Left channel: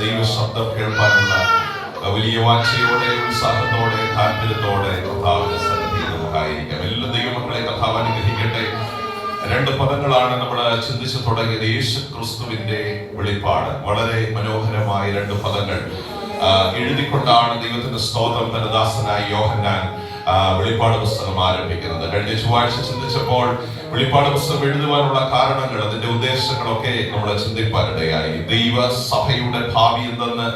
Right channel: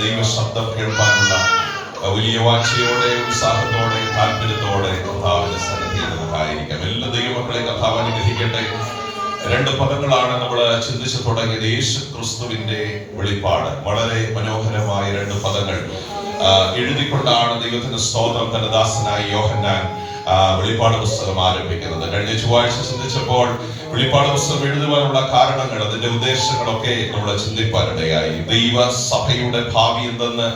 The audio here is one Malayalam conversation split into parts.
ദൈവശബ്ദം കേൾക്കാനുള്ള വലിയ വാഞ്ചയോടെ, ഉത്സാഹത്തോടെ, താല്പര്യത്തോടെ കർത്താവിന്റെ സന്നിധിയിൽ നമുക്കായിരിക്കാം. എല്ലാ ദൈവമക്കളെ കർത്താവ് അനുഗ്രഹിക്കട്ടെ. രണ്ട് പദങ്ങളാണ് നമ്മൾ ചിന്തിച്ചു തുടങ്ങിയത്. യേശു ക്രിസ്തുവിന്റെ വെളിപ്പാട്. വളരെ മനോഹരമായ രണ്ട് പദങ്ങൾ എഴുതിക്കൊണ്ടാണ് ദൈവത്തിന്റെ സ്തോത്രം തന്റെ ദാസനായ യോഹന്നാൻ വെളിപ്പാട് പുസ്തകം ആരംഭിക്കുന്നത്. കഴിഞ്ഞ ചൊവ്വാഴ്ച ചിന്തിച്ചപ്പോൾ വെളിപ്പാട് പുസ്തകം എഴുതുവാനുള്ള കാരണങ്ങൾ, അതിന്റെ ഉദ്ദേശങ്ങളൊക്കെ നമ്മൾ ചിന്തിപ്പാനിടയായി. ദൈവസഭയുടെ ഭാവി എന്തെന്ന്,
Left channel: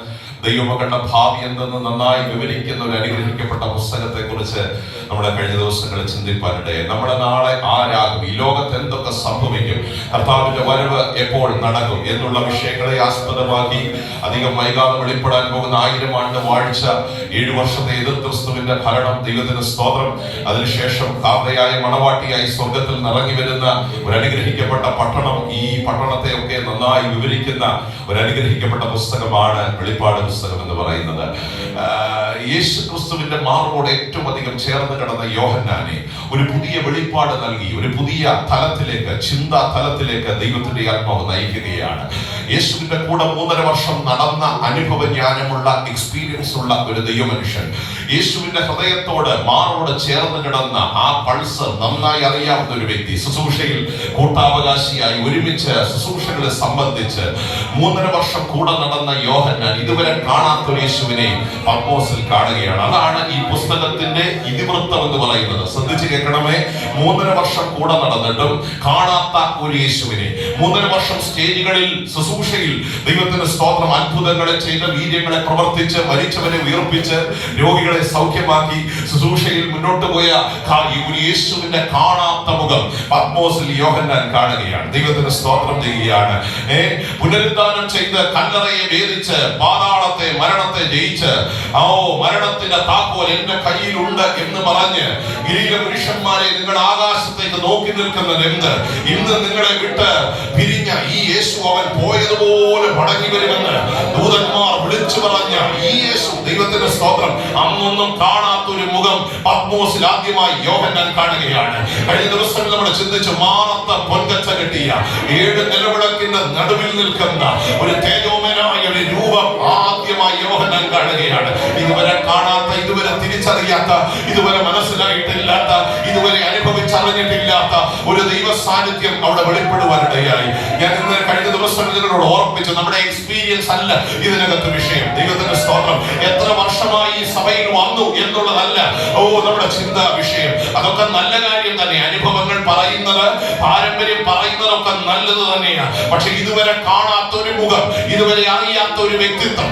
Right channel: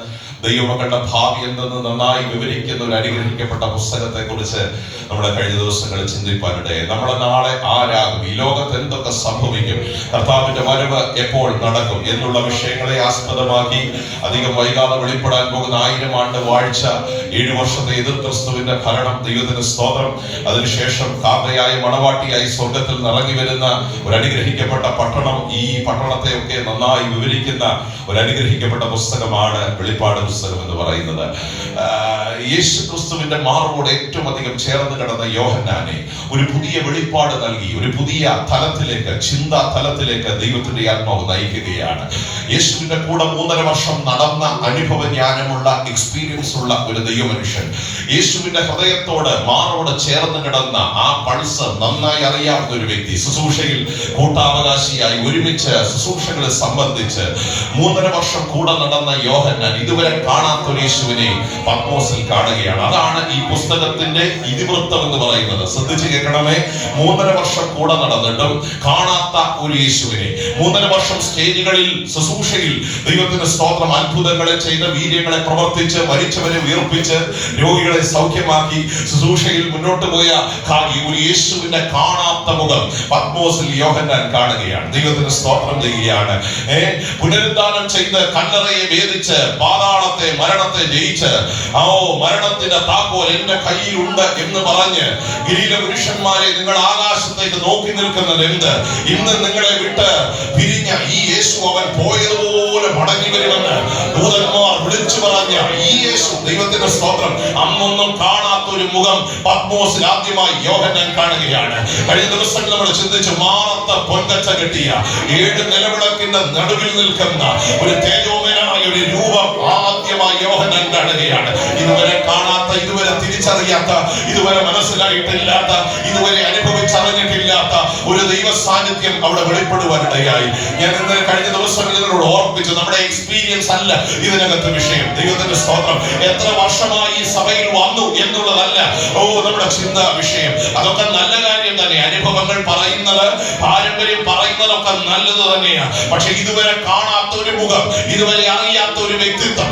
ദൈവമക്കളുടെ ഭാവി എന്തെന്ന് നന്നായി വിവരിക്കുന്ന ഒരു അനുഗ്രഹിക്കപ്പെട്ട പുസ്തകത്തെ കുറിച്ച് നമ്മുടെ കഴിഞ്ഞ ദിവസങ്ങളിൽ ചിന്തിപ്പാനിടയായി. നമ്മുടെ നാളെ ആരാകും, ഈ ലോകത്ത് എന്തൊക്കെ സംഭവിക്കും, കർത്താവിന്റെ വരവ് എപ്പോൾ നടക്കും എന്നുള്ള വിഷയങ്ങളെ ആസ്പദമാക്കി അധികം വൈകാതെ വെളിപ്പെടാൻ പോകുന്ന 1000 ആണ്ട് വാഴ്ച, 7 വർഷത്തെ എതിർ ക്രിസ്തുവിന്റെ ഭരണം, ദൈവത്തിന്റെ സ്തോത്രം, അതിനുശേഷം കാന്തയായ മണവാട്ടിയായി സ്വർഗത്തിൽ നിറങ്ങി വരുന്ന ഒരു അനുഗ്രഹിക്കപ്പെട്ട പട്ടണം, ഈ പട്ടണത്തെ ഒക്കെ നന്നായി വിവരിക്കുന്ന ഒരു അനുഗ്രഹിക്കപ്പെട്ട പുസ്തകമാണ് വെളിപ്പാട് പുസ്തകം എന്ന് പറയുന്നത്. യേശു ക്രിസ്തുവിന്റെ മാർവോട് ഏറ്റവും അധികം ചേർന്ന് കിടന്ന യോഹന്നാനെ ഒരു പുതിയ വെളിപ്പാട് നൽകി, ഒരു പുതിയ തലത്തിലേക്ക്, ചിന്താ തലത്തിലേക്ക് ദൈവത്തിന്റെ ആത്മാവ് നയിക്കുകയാണ്. യേശുവിന്റെ കൂടെ 3.5 വർഷം നടന്ന അനുഭവജ്ഞാനമുള്ള, എക്സ്പീരിയൻസ് ഉള്ള ഒരു ദൈവമനുഷ്യൻ, യേശുവിന്റെ ഹൃദയത്തോട്, മാറോട് ചേർന്ന് കിടന്ന ആ പൾസ് നന്നായി അറിയാവുന്ന ഒരു വ്യക്തി, ശുശ്രൂഷയിൽ കൂട്ടാവകാശിയായി ഒരുമിച്ച് ശുശ്രൂഷകളെ സംബന്ധിച്ച് 3.5 വർഷം കൂടെ നടന്ന യോഹന്നാൻ ഇതുവരെ കാണാത്തൊരു യേശുവിനെ പത്മോസിൽ കാണുകയാണ്. അതാണ് ഈ പുസ്തകത്തിന്റെ ഇതിവൃത്തം എന്ന് പറയുന്നത്. ശ്രദ്ധിച്ച് കേൾക്കണമേ. 3.5 വർഷം കൂടെ നടന്നിട്ടും കാണാത്ത ഒരു യേശുവിനെ, 3.5 വർഷം സ്റ്റേജുകളിൽ, ശുശ്രൂഷയിൽ ദൈവത്തിന്റെ സ്തോത്രം അത്ഭുതങ്ങളെ ചെയ്ത, വീര്യങ്ങളെ പ്രവർത്തിച്ച്, മരിച്ചവരെ ഉയർപ്പിച്ച്, രോഗികളെ സൗഖ്യമാക്കി ശുശ്രൂഷയിൽ മുന്നോട്ട് പോയ ഒരു യേശുവിന്റെ കാണാത്ത മുഖം പത്മോസിൽ യോഹന്നാൻ കാണുകയാണ്. ദൈവത്തിന്റെ സ്തോത്രം ചെയ്യുകയാണ്. പുനരുദ്ധാനം ചെയ്ത്, കല്ലറയെ ഭേദിച്ച്, പാതാളത്തെ, മരണത്തെ ജയിച്ച്, മരണത്തിന്റെ താക്കോൽ എന്റെ കയ്യിലുണ്ട് എന്ന് പറഞ്ഞ് ഗലീല പുരുഷന്മാരെ, നിങ്ങൾ ആകാശത്തേക്ക് നോക്കി നിൽക്കുന്നത് എന്ത്? ഇന്ന് നിങ്ങളെ വിട്ട് പിരിഞ്ഞ ഈ യേശു അവൻ പോയതുപോലെ മടങ്ങി വരുമെന്ന് ദൂതന്മാർ വിളിച്ചു പറഞ്ഞ ഈ യേശു, ദൈവത്തിന്റെ സ്തോത്രം, അന്നൊന്നും കാണാത്ത ഒരു മുഖം പത്മോസിൽ ആദ്യമായി യോഹന്നാൻ കാണുകയാണ്. കഴിഞ്ഞ ദിവസം നമ്മൾ ചിന്തിച്ചു, മാറത്ത് പൊൻകച്ച കെട്ടിയ 7 നിലവിളക്കിന്റെ നടുവിൽ നിൽക്കുന്ന ഒരു തേജോമയനായ ഒരു രൂപം ആദ്യമായി യോഹന്നാൻ കാണുകയാണ്. ഇതുവരെ കാണാത്ത, ഇതുവരെ തിരിച്ചറിയാത്ത, ഇതുവരെ മനസ്സിലായിട്ടില്ലാത്ത, ഇതുവരെ അനുഭവിച്ചറിഞ്ഞിട്ടില്ലാത്ത ഒരു ദൈവ സാന്നിധ്യം അവിടെ വെളിപ്പെടുവാനിടയായി. ഞാൻ ഇന്ന് കഴിഞ്ഞ ദിവസം നിങ്ങളോട് ഓർപ്പിച്ചു, നമ്മുടെ എക്സ്പീരിയൻസ് അല്ല ഇതിനകത്ത് വിഷയം. ദൈവത്തിന്റെ സ്തോത്രം, എത്ര വർഷമായി ഈ സഭയിൽ വന്നു എന്നുള്ളതല്ല നമ്മുടെ ചിന്താ വിഷയം. അതൊക്കെ നല്ല കാര്യം തന്നെ. അനുഭവങ്ങൾ പറയുന്നത്, പാരമ്പര്യം പറയുന്നതൊക്കെ നല്ലത് തന്നെയാണ്. പക്ഷെ ഇതുവരെ കാണാത്ത ഒരു മുഖം, ഇതുവരെ അറിയാത്ത ഒരു വ്യക്തിത്വം,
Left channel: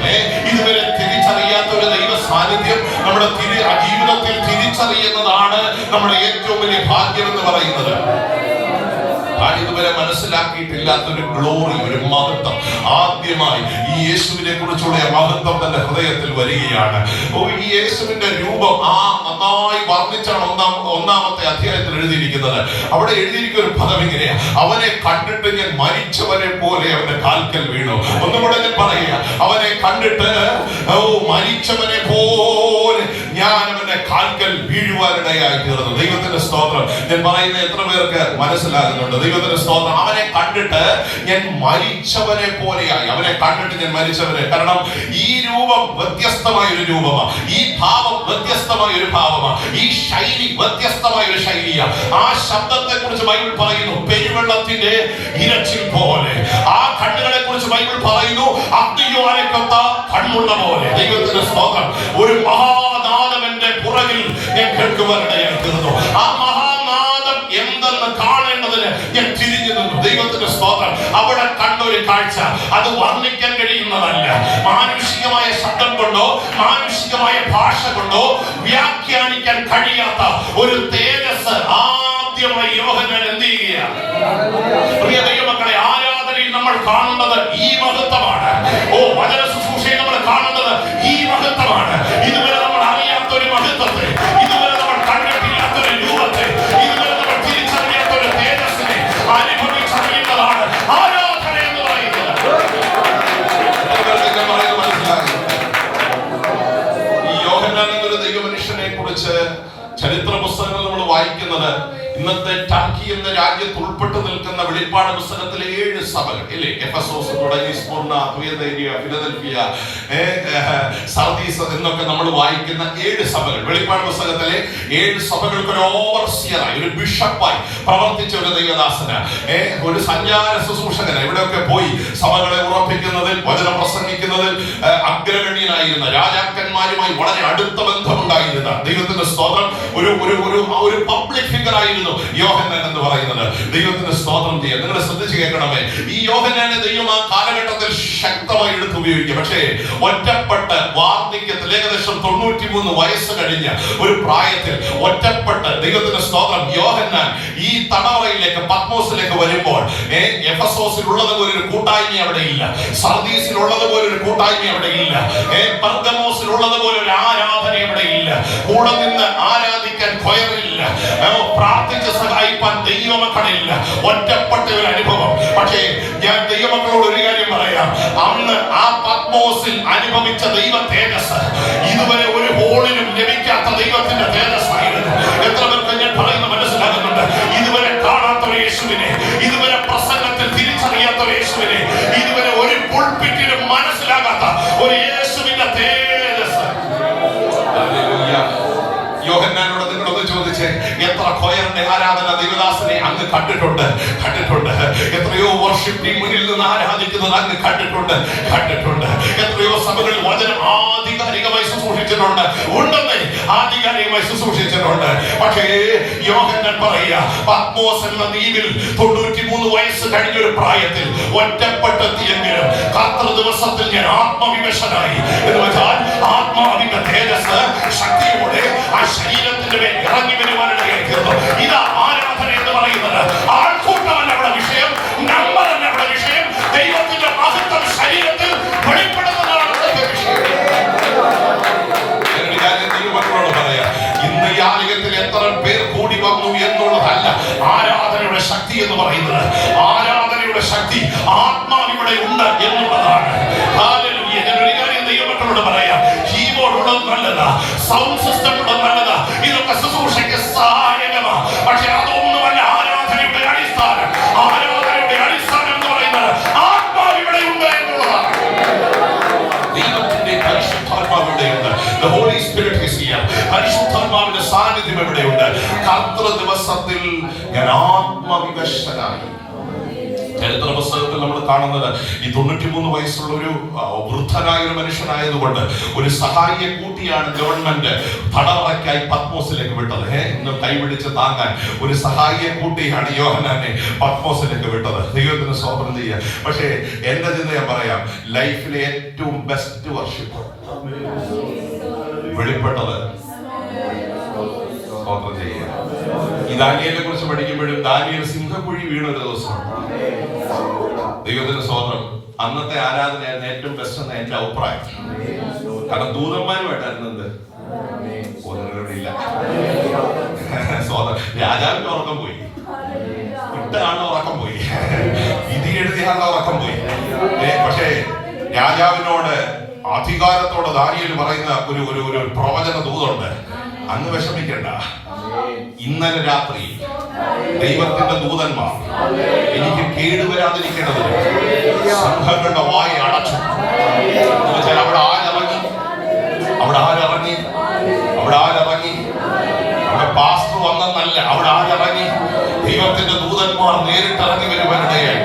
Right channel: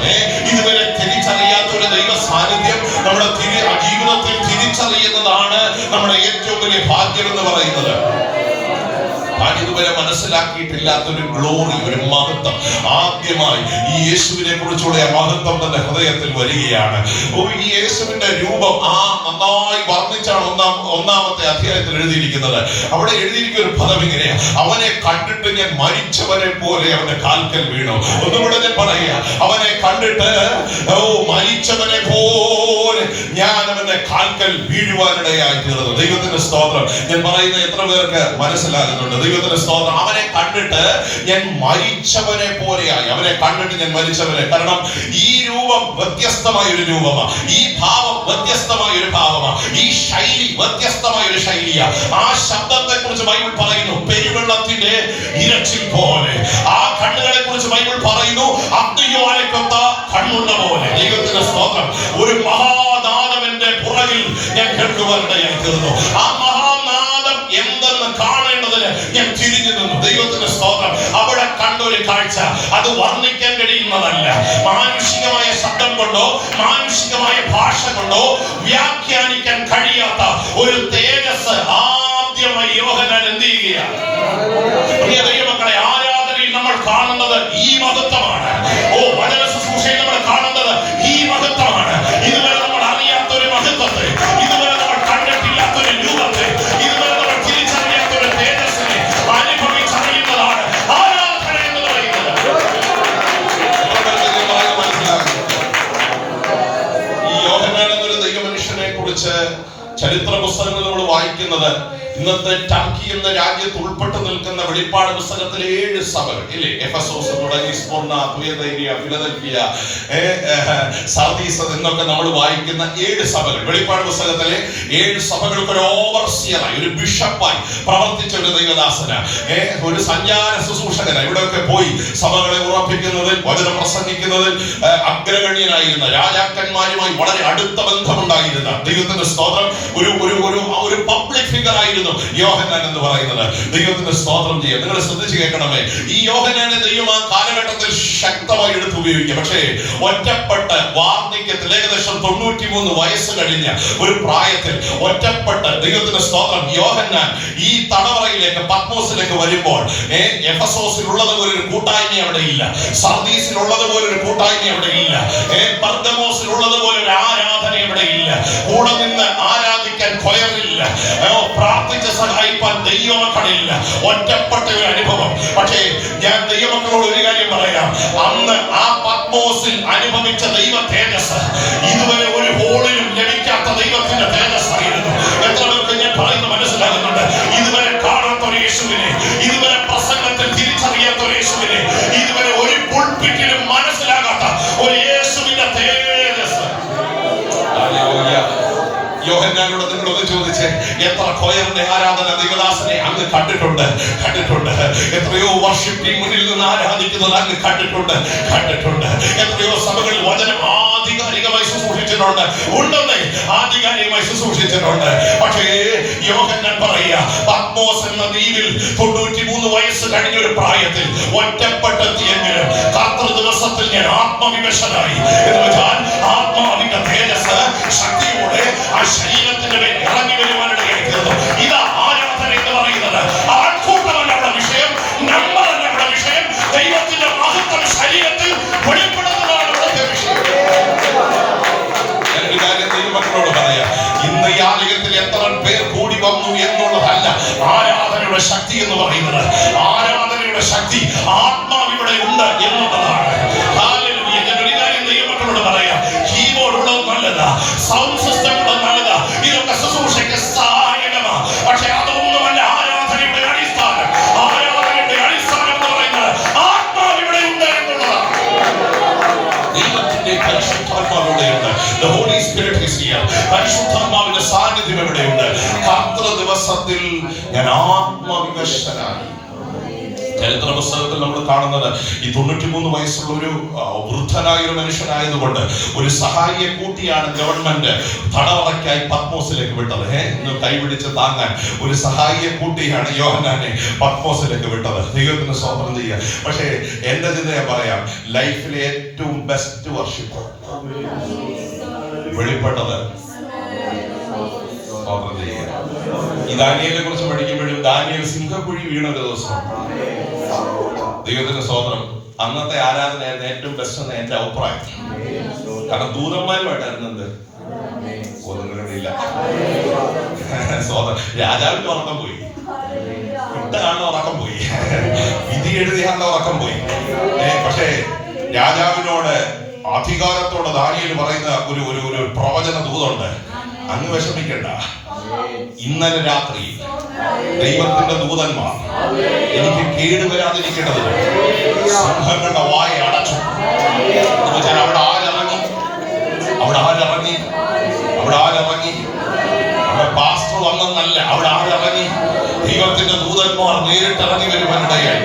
ഇതുവരെ തിരിച്ചറിയാത്ത ഒരു ദൈവ സാന്നിധ്യം നമ്മുടെ ജീവിതത്തിൽ തിരിച്ചറിയുന്നതാണ് നമ്മുടെ ഏറ്റവും വലിയ ഭാഗ്യം എന്ന് പറയുന്നത്. ഇതുവരെ മനസ്സിലാക്കിയിട്ടില്ലാത്തൊരു ഗ്ലോറി, ഒരു മഹത്വം ആദ്യമായി ഈ യേശുവിനെ കുറിച്ചുള്ള മഹത്വം തന്റെ ഹൃദയത്തിൽ വരികയാണ്. ഈ യേശുവിന്റെ രൂപം നന്നായി വർണ്ണിച്ചാണ് ഒന്നാമത്തെ അധ്യായത്തിൽ എഴുതിയിരിക്കുന്നത്. അവിടെ എഴുതിയിരിക്കുന്ന ഒരു പദം ഇങ്ങനെയാ: അവനെ കണ്ടിട്ട് ഞാൻ മരിച്ചവനെ പോലെ അവന്റെ കാൽക്കൽ വീണു. ഒന്നുകൂടെ ഞാൻ പറയുക, അവനെ കണ്ടിട്ട് മരിച്ചവനെ പോലെ ഞാൻ അവന്റെ കാൽക്കൽ വീഴുവാനിടയായി തീർന്നു. ദൈവത്തിന്റെ സ്തോത്രം. ഞാൻ പറയുന്ന എത്ര പേർക്ക് മനസ്സിലാകുന്നുണ്ട്? ദൈവത്തിന്റെ സ്തോത്രം. അവനെ കണ്ടിട്ട് ഞാൻ മരിച്ചവനെ പോലെയായി. അവനെ കണ്ടിട്ട് ഞാൻ മരിച്ചവനെ. കാരണം ഈ രൂപം വ്യത്യസ്തമായ ഒരു രൂപമാണ്, ഈ ഭാവം വ്യത്യസ്തമായ ഒരു ഭാവമാണ്, ഈ ശൈലി വ്യത്യസ്തമായ ഒരു ശൈലിയാണ്. ആ ശബ്ദത്തെ കുറിച്ച് ബൈബിൾ പറയുന്നു, പെരുവെള്ളത്തിന്റെ ഇരച്ചിൽ പോലെ. ആ കണ്ണുകളെ കുറിച്ച് ബൈബിൾ പറയുന്നു, അഗ്നിജ്വാലയ്ക്കൊത്ത കണ്ണുള്ള പോലെ. ദൈവത്തിന്റെ സ്തോത്രം. ഒരു മഹാനാദവന്റെ പുറകിൽ ഞാൻ കേൾക്കുവാനിടയായി തീർന്നു. ആ മഹാനാദം എന്തെന്ന് കാണേണ്ടതിന് ഞാൻ തിരിഞ്ഞു നിന്നു. ദൈവത്തിന്റെ സ്തോത്രം. അവിടെ കണ്ടൊരു കാഴ്ച, അത് വർണ്ണിക്കാൻ കഴിയുന്നതല്ല. മാനുഷികമായ ശബ്ദം കൊണ്ടോ, മാനുഷികമായ ഭാഷ കൊണ്ടോ വ്യാഖ്യാനിക്കാൻ കഴിയാത്ത ഒരു തേജസ് ആദ്യമായി യോഹന്നാൻ എന്ത് ചെയ്യുകയാണ്? പ്രിയ ദൈവമക്കളെ, ആരാധനയിൽ നമ്മൾ കാണുന്നത് ഈ മഹത്വമാണ്. വചന ശുശ്രൂഷയിൽ നമ്മൾ കാണുന്നത് ഈ മഹത്വമാണ്. ഇതുവരെ നമ്മൾ അറിയാത്ത ഒരു മഹത്വത്തെ, ഇതുവരെ നമ്മൾ കണ്ടിട്ടില്ലാത്ത ഒരു രൂപത്തെ, ഇതുവരെ നമ്മൾ തിരിച്ചറിയാത്ത ഒരു തേജസ്സിനെ അനുഭവിച്ചറിയുന്നതാണ് ആരാധന എന്ന് പറയുന്നത്. ഈ യോഹന്നാൻ എന്നൊരു ദൈവമനുഷ്യനെ കുറിച്ച് ചരിത്ര പുസ്തകങ്ങൾ നമ്മൾ വായിക്കുന്നത് ഇന്നത്തെ ടർക്കി എന്ന രാജ്യത്ത് ഉൾപ്പെട്ടു നിൽക്കുന്ന വെളിപ്പാട് പുസ്തകത്തിലെ 7 സഭകൾ ഇല്ലേ? എഫെസോസ് തുടങ്ങി സ്മുർന, തുയതൈരിയ, ഫിലദൽഫിയ, സാർദീസ് എന്നൊക്കെ നമ്മൾ വായിക്കുന്ന 7 സഭകൾ, വെളിപ്പാട് പുസ്തകത്തിലെ 7 സഭകൾക്ക് ഒരു ഓവർസിയറായി, ഒരു ബിഷപ്പായി പ്രവർത്തിച്ച ഒരു ദൈവദാസന, ഒരു സഞ്ചാര ശുശ്രൂഷകന, ഇവിടെയൊക്കെ പോയി സഭകളെ ഉറപ്പിക്കുന്നതിൽ, വചനം പ്രസംഗിക്കുന്നതിൽ അഗ്രഗണ്യനായിരുന്ന, രാജാക്കന്മാരുമായി വളരെ അടുത്ത ബന്ധമുണ്ടായിരുന്ന, ദൈവത്തിന്റെ സ്തോത്രം, ഒരു പബ്ലിക് ഫിഗർ ആയിരുന്നു യോഹന്നാൻ എന്ന് പറയുന്നത്. ദൈവത്തിന്റെ സ്തോത്രം ചെയ്യുക. നിങ്ങൾ ശ്രദ്ധിച്ചു കേൾക്കണമേ, ഈ യോഹന്നാനെ ദൈവം ആ കാലഘട്ടത്തിൽ ശക്തമായി എടുത്ത് ഉപയോഗിക്കുക. പക്ഷേ ഒറ്റപ്പെട്ട് വാർദ്ധക്യത്തിൽ ഏകദേശം 93 വയസ്സ് കഴിഞ്ഞ ഒരു പ്രായത്തിൽ ഒറ്റപ്പെട്ട്, ദൈവത്തിന്റെ സ്തോത്രം, യോഹന്നാൻ ഈ തടവറയിലേക്ക്, പത്മോസിലേക്ക് വരുമ്പോൾ എഫെസോസിൽ ഉള്ളതുപോലെ ഒരു കൂട്ടായ്മ അവിടെ ഇല്ല, സർദീസിൽ ഉള്ളതുപോലെ ഒരു കൂട്ടായ്മ അവിടെ ഇല്ല, പെർഗമോസിൽ ഉള്ളതുപോലെ ഒരു ആരാധന അവിടെ ഇല്ല, കൂടെ നിന്ന് ആരാധിക്കാൻ കൊയറില്ല, പ്രാർത്ഥിച്ച് സഹായിപ്പാൻ ദൈവമക്കളില്ല, ഒറ്റപ്പെട്ട ഒരു അനുഭവം. പക്ഷേ ഞാൻ ദൈവമക്കളോട് ഒരു കാര്യം പറയാം, അന്ന് ആ പത്മോസിൽ അനുഭവിച്ച ദൈവ തേജസ് ഇതുവരെ ഒരു ഹോളിലും ലഭിക്കാത്ത ദൈവത്തിന്റെ തേജസ്സായിരുന്നു. എത്ര പേർക്ക് ഞാൻ പറയുന്ന മനസ്സിലാകുന്നുണ്ട്? ഇതുവരെ കാണാത്ത ഒരു യേശുവിനെ, ഇതുവരെ പ്രസംഗത്തിൽ തിരിച്ചറിയാത്ത ഒരു യേശുവിനെ, ഇതുവരെ ഒരു പുൾപിറ്റിലും മനസ്സിലാകാത്ത ഒരു യേശുവിന്റെ തേജസ്. യോഹന്നാനോട് നിങ്ങളൊന്ന് ചോദിച്ചേ, എത്ര കൊയറിന്റെ ആരാധന ദൈവദാസനെ അങ്ങ് കണ്ടിട്ടുണ്ട്? എത്രയോ വർഷിപ്പ് ടീം മുന്നിൽ നിന്ന് ആരാധിക്കുന്നത് അങ്ങ് കണ്ടിട്ടുണ്ട്. എത്രയോ സഭകളിൽ വചനം ആധികാരികമായി ശുശ്രൂഷിച്ചിട്ടുണ്ട്, ഉണ്ടെന്നേ ആധികാരികമായി ശുശ്രൂഷിച്ചിട്ടുണ്ട്. പക്ഷേ യോഹന്നാൻ പറയുക, പത്മോസ് എന്ന ദ്വീപിൽ 93 വയസ്സ് കഴിഞ്ഞൊരു പ്രായത്തിൽ ഒറ്റപ്പെട്ടെത്തിയെങ്കിലും കാത്ര ദിവസത്തിൽ ഞാൻ ആത്മവിവശനായി എന്ന് വെച്ചാൽ ആത്മാവിന്റെ തേജസ് ശക്തിയോടെ ആ ശരീരത്തിന്റെ മേൽ ഇറങ്ങി വരുവാനിടയായി തീർന്നു. ഇതാ ആരാധന എന്ന് പറയുന്നത്. ആൾക്കൂട്ടമല്ല അവിടെ വിഷയം, നമ്പറല്ല അവിടെ വിഷയം, ദൈവത്തിന്റെ മഹത്വം ശരീരത്തിൽ വെളിപ്പെടുന്നതാണ് അവിടുത്തെ വിഷയം. ദൈവമക്കളോട് പറയാം, ഇന്ന് ഈ ആലയത്തിൽ എത്ര പേർ കൂടി വന്നു എന്നുള്ളതല്ല ആരാധനയുടെ ശക്തി എന്ന് പറയുന്നത്. ആരാധനയുടെ ശക്തി ആത്മാവിവിടെ ഉണ്ട് എന്നുള്ളതാണ്. ഞാനൊരു കാര്യം ദൈവമക്കളോട് പറയാം, കീബോർഡ് ഉള്ളത് നല്ലതാ, സൗണ്ട് സിസ്റ്റം ഉള്ളത് നല്ലതാ, ഇതൊക്കെ ശുശ്രൂഷയ്ക്ക് സഹായകമാണ്. പക്ഷെ അതൊന്നുമല്ല ആരാധനയുടെ അടിസ്ഥാനം. ആരാധനയുടെ അടിസ്ഥാനം എന്ന് പറയുന്നത് ആത്മാവിവിടെ ഉണ്ട് എന്നുള്ളതാണ്. ദൈവത്തിന്റെ പരിശുദ്ധാത്മാവിടെയുണ്ട്. The Holy Spirit is here. പരിശുദ്ധാത്മാവിന്റെ സാന്നിധ്യം ഇവിടെയുണ്ട്. കാത്ര ദിവസത്തിൽ ഞാൻ ആത്മവിവശനായി. ചരിത്ര പുസ്തകത്തിൽ നമ്മൾ കാണുന്നത് ഈ 93 വയസ്സുള്ള ഒരു വൃദ്ധനായ ഒരു മനുഷ്യനായതുകൊണ്ട് ഒരു സഹായിയെ കൂട്ടിയാണ് ഗവൺമെന്റ് തടവറയ്ക്കായി പത്മോസിലേക്ക് വിട്ടത്. ഇന്ന് കൈപിടിച്ച് താങ്ങാൻ ഒരു സഹായിയെ കൂട്ടിയാണ് യോഹന്നാനെ പത്മോസിലേക്ക് വിട്ടത്. ദൈവത്തിന് സ്തോത്രം ചെയ്യുക. പക്ഷേ എന്റെ ചിന്തയെ പറയാം, ലൈഫിലെ ഏറ്റവും ബെസ്റ്റ് വർഷിപ്പ് വെളിപ്പെട്ടത് സ്തോത്രം ചെയ്യുക. ഈ ദാനിയേലിനെ കുറിച്ച് പഠിക്കുമ്പോഴും ദാനിയേൽ സിംഹക്കുഴി വീണ ഒരു ദിവസമാണ്. ദൈവത്തിന്റെ സ്തോത്രം. അന്നത്തെ ആരാധനയായിരുന്നു ഏറ്റവും ബെസ്റ്റ് എന്ന് എന്റെ അഭിപ്രായം. കാരണം ദൂതന്മാരുമായിട്ടായിരുന്നു എന്ത് ഒന്നുമില്ല. സ്തോത്രം. രാജാവിന്റെ ഉറക്കം പോയി, ഇട്ടാണ് ഉറക്കം പോയി, വിധി എഴുതിയാണ്ട് ഉറക്കം പോയി. പക്ഷേ രാജാവിനോട് അധികാരത്തോടെ ദാനിയേൽ പറയുന്ന ഒരു പ്രവചന ദൂതുണ്ട്, അങ്ങ് വിഷമിക്കണ്ട, ഇന്നലെ രാത്രി ദൈവത്തിന്റെ ദൂതന്മാർ എനിക്ക് കേടുവരാതിരിക്കേണ്ടതിന് സിംഹങ്ങളുടെ വായ അടച്ചു. അവിടെ ആരിറങ്ങി? അവിടെ പാസ്റ്റർ വന്നെന്നല്ല, അവിടെ ആരിറങ്ങി? ദൈവത്തിന്റെ ദൂതന്മാർ നേരിട്ടിറങ്ങി വരുവാനിടയായി.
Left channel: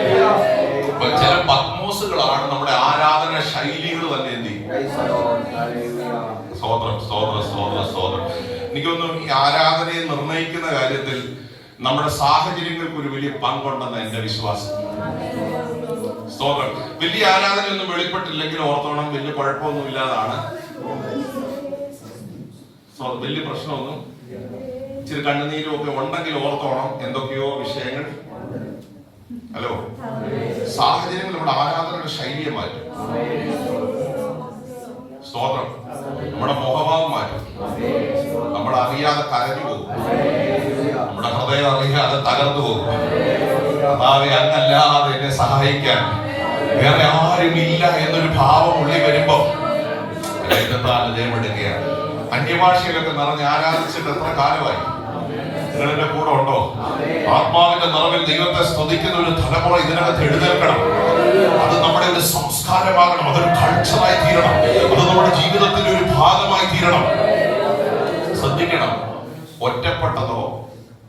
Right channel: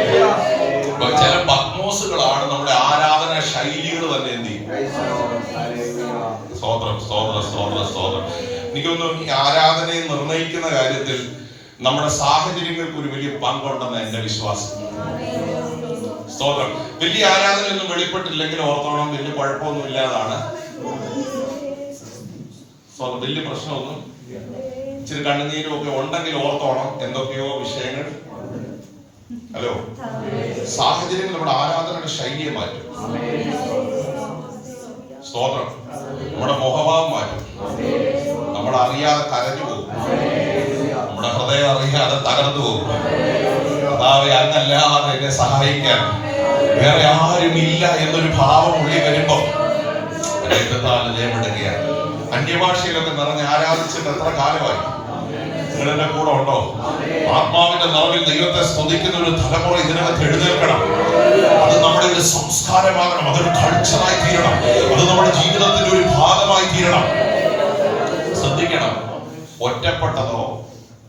ചില പത്മോസുകളാണ് നമ്മുടെ ആരാധന ശൈലികൾ തന്നെ. എന്ത് സ്തോത്രം. എനിക്ക് തോന്നുന്നു ഈ ആരാധനയെ നിർണയിക്കുന്ന കാര്യത്തിൽ നമ്മുടെ സാഹചര്യങ്ങൾക്ക് ഒരു വലിയ പങ്കുണ്ടെന്ന് എന്റെ വിശ്വാസം. സ്തോത്രം. വലിയ ആരാധനയൊന്നും വെളിപ്പെട്ടില്ലെങ്കിൽ ഓർത്തോണം, വലിയ കുഴപ്പമൊന്നും ഇല്ലാതാണ്. വലിയ പ്രശ്നമൊന്നും, ഇച്ചിരി കണ്ണുനീരും ഒക്കെ ഉണ്ടെങ്കിൽ ഓർത്തോണം, എന്തൊക്കെയോ വിഷയങ്ങൾ. ഹലോ, സാഹചര്യങ്ങൾ നമ്മുടെ ആരാധനയുടെ ശൈലിയെ മാറ്റും. സ്തോത്രം. നമ്മുടെ മുഖഭാവം മാറ്റും. നമ്മളറിയാതെ കരഞ്ഞു പോകും, നമ്മുടെ ഹൃദയം അറിയാതെ തകർന്നു പോകും. അങ്ങല്ലാതെ എന്നെ സഹായിക്കാൻ വേറെ ആരുമില്ല എന്നൊരു ഭാവം ഉള്ളിൽ വരുമ്പോ അന്യഭാഷയിലൊക്കെ നിറഞ്ഞ് ആരാധിച്ചിട്ട് എത്ര കാലമായി? നിങ്ങളുടെ കൂടെ ഉണ്ടോ? സ്പന്ദിക്കുന്ന ഒരു തലമുറ ഇതിനകത്ത് എഴുന്നേൽക്കണം. അത് നമ്മുടെ ഒരു സംസ്കാരമാകണം, അതൊരു കൾച്ചറായി തീരണം, അത് നമ്മുടെ ജീവിതത്തിന്റെ ഒരു ഭാഗമായി തീരണം. ശ്രദ്ധിക്കണം, ഒറ്റപ്പെട്ടതോ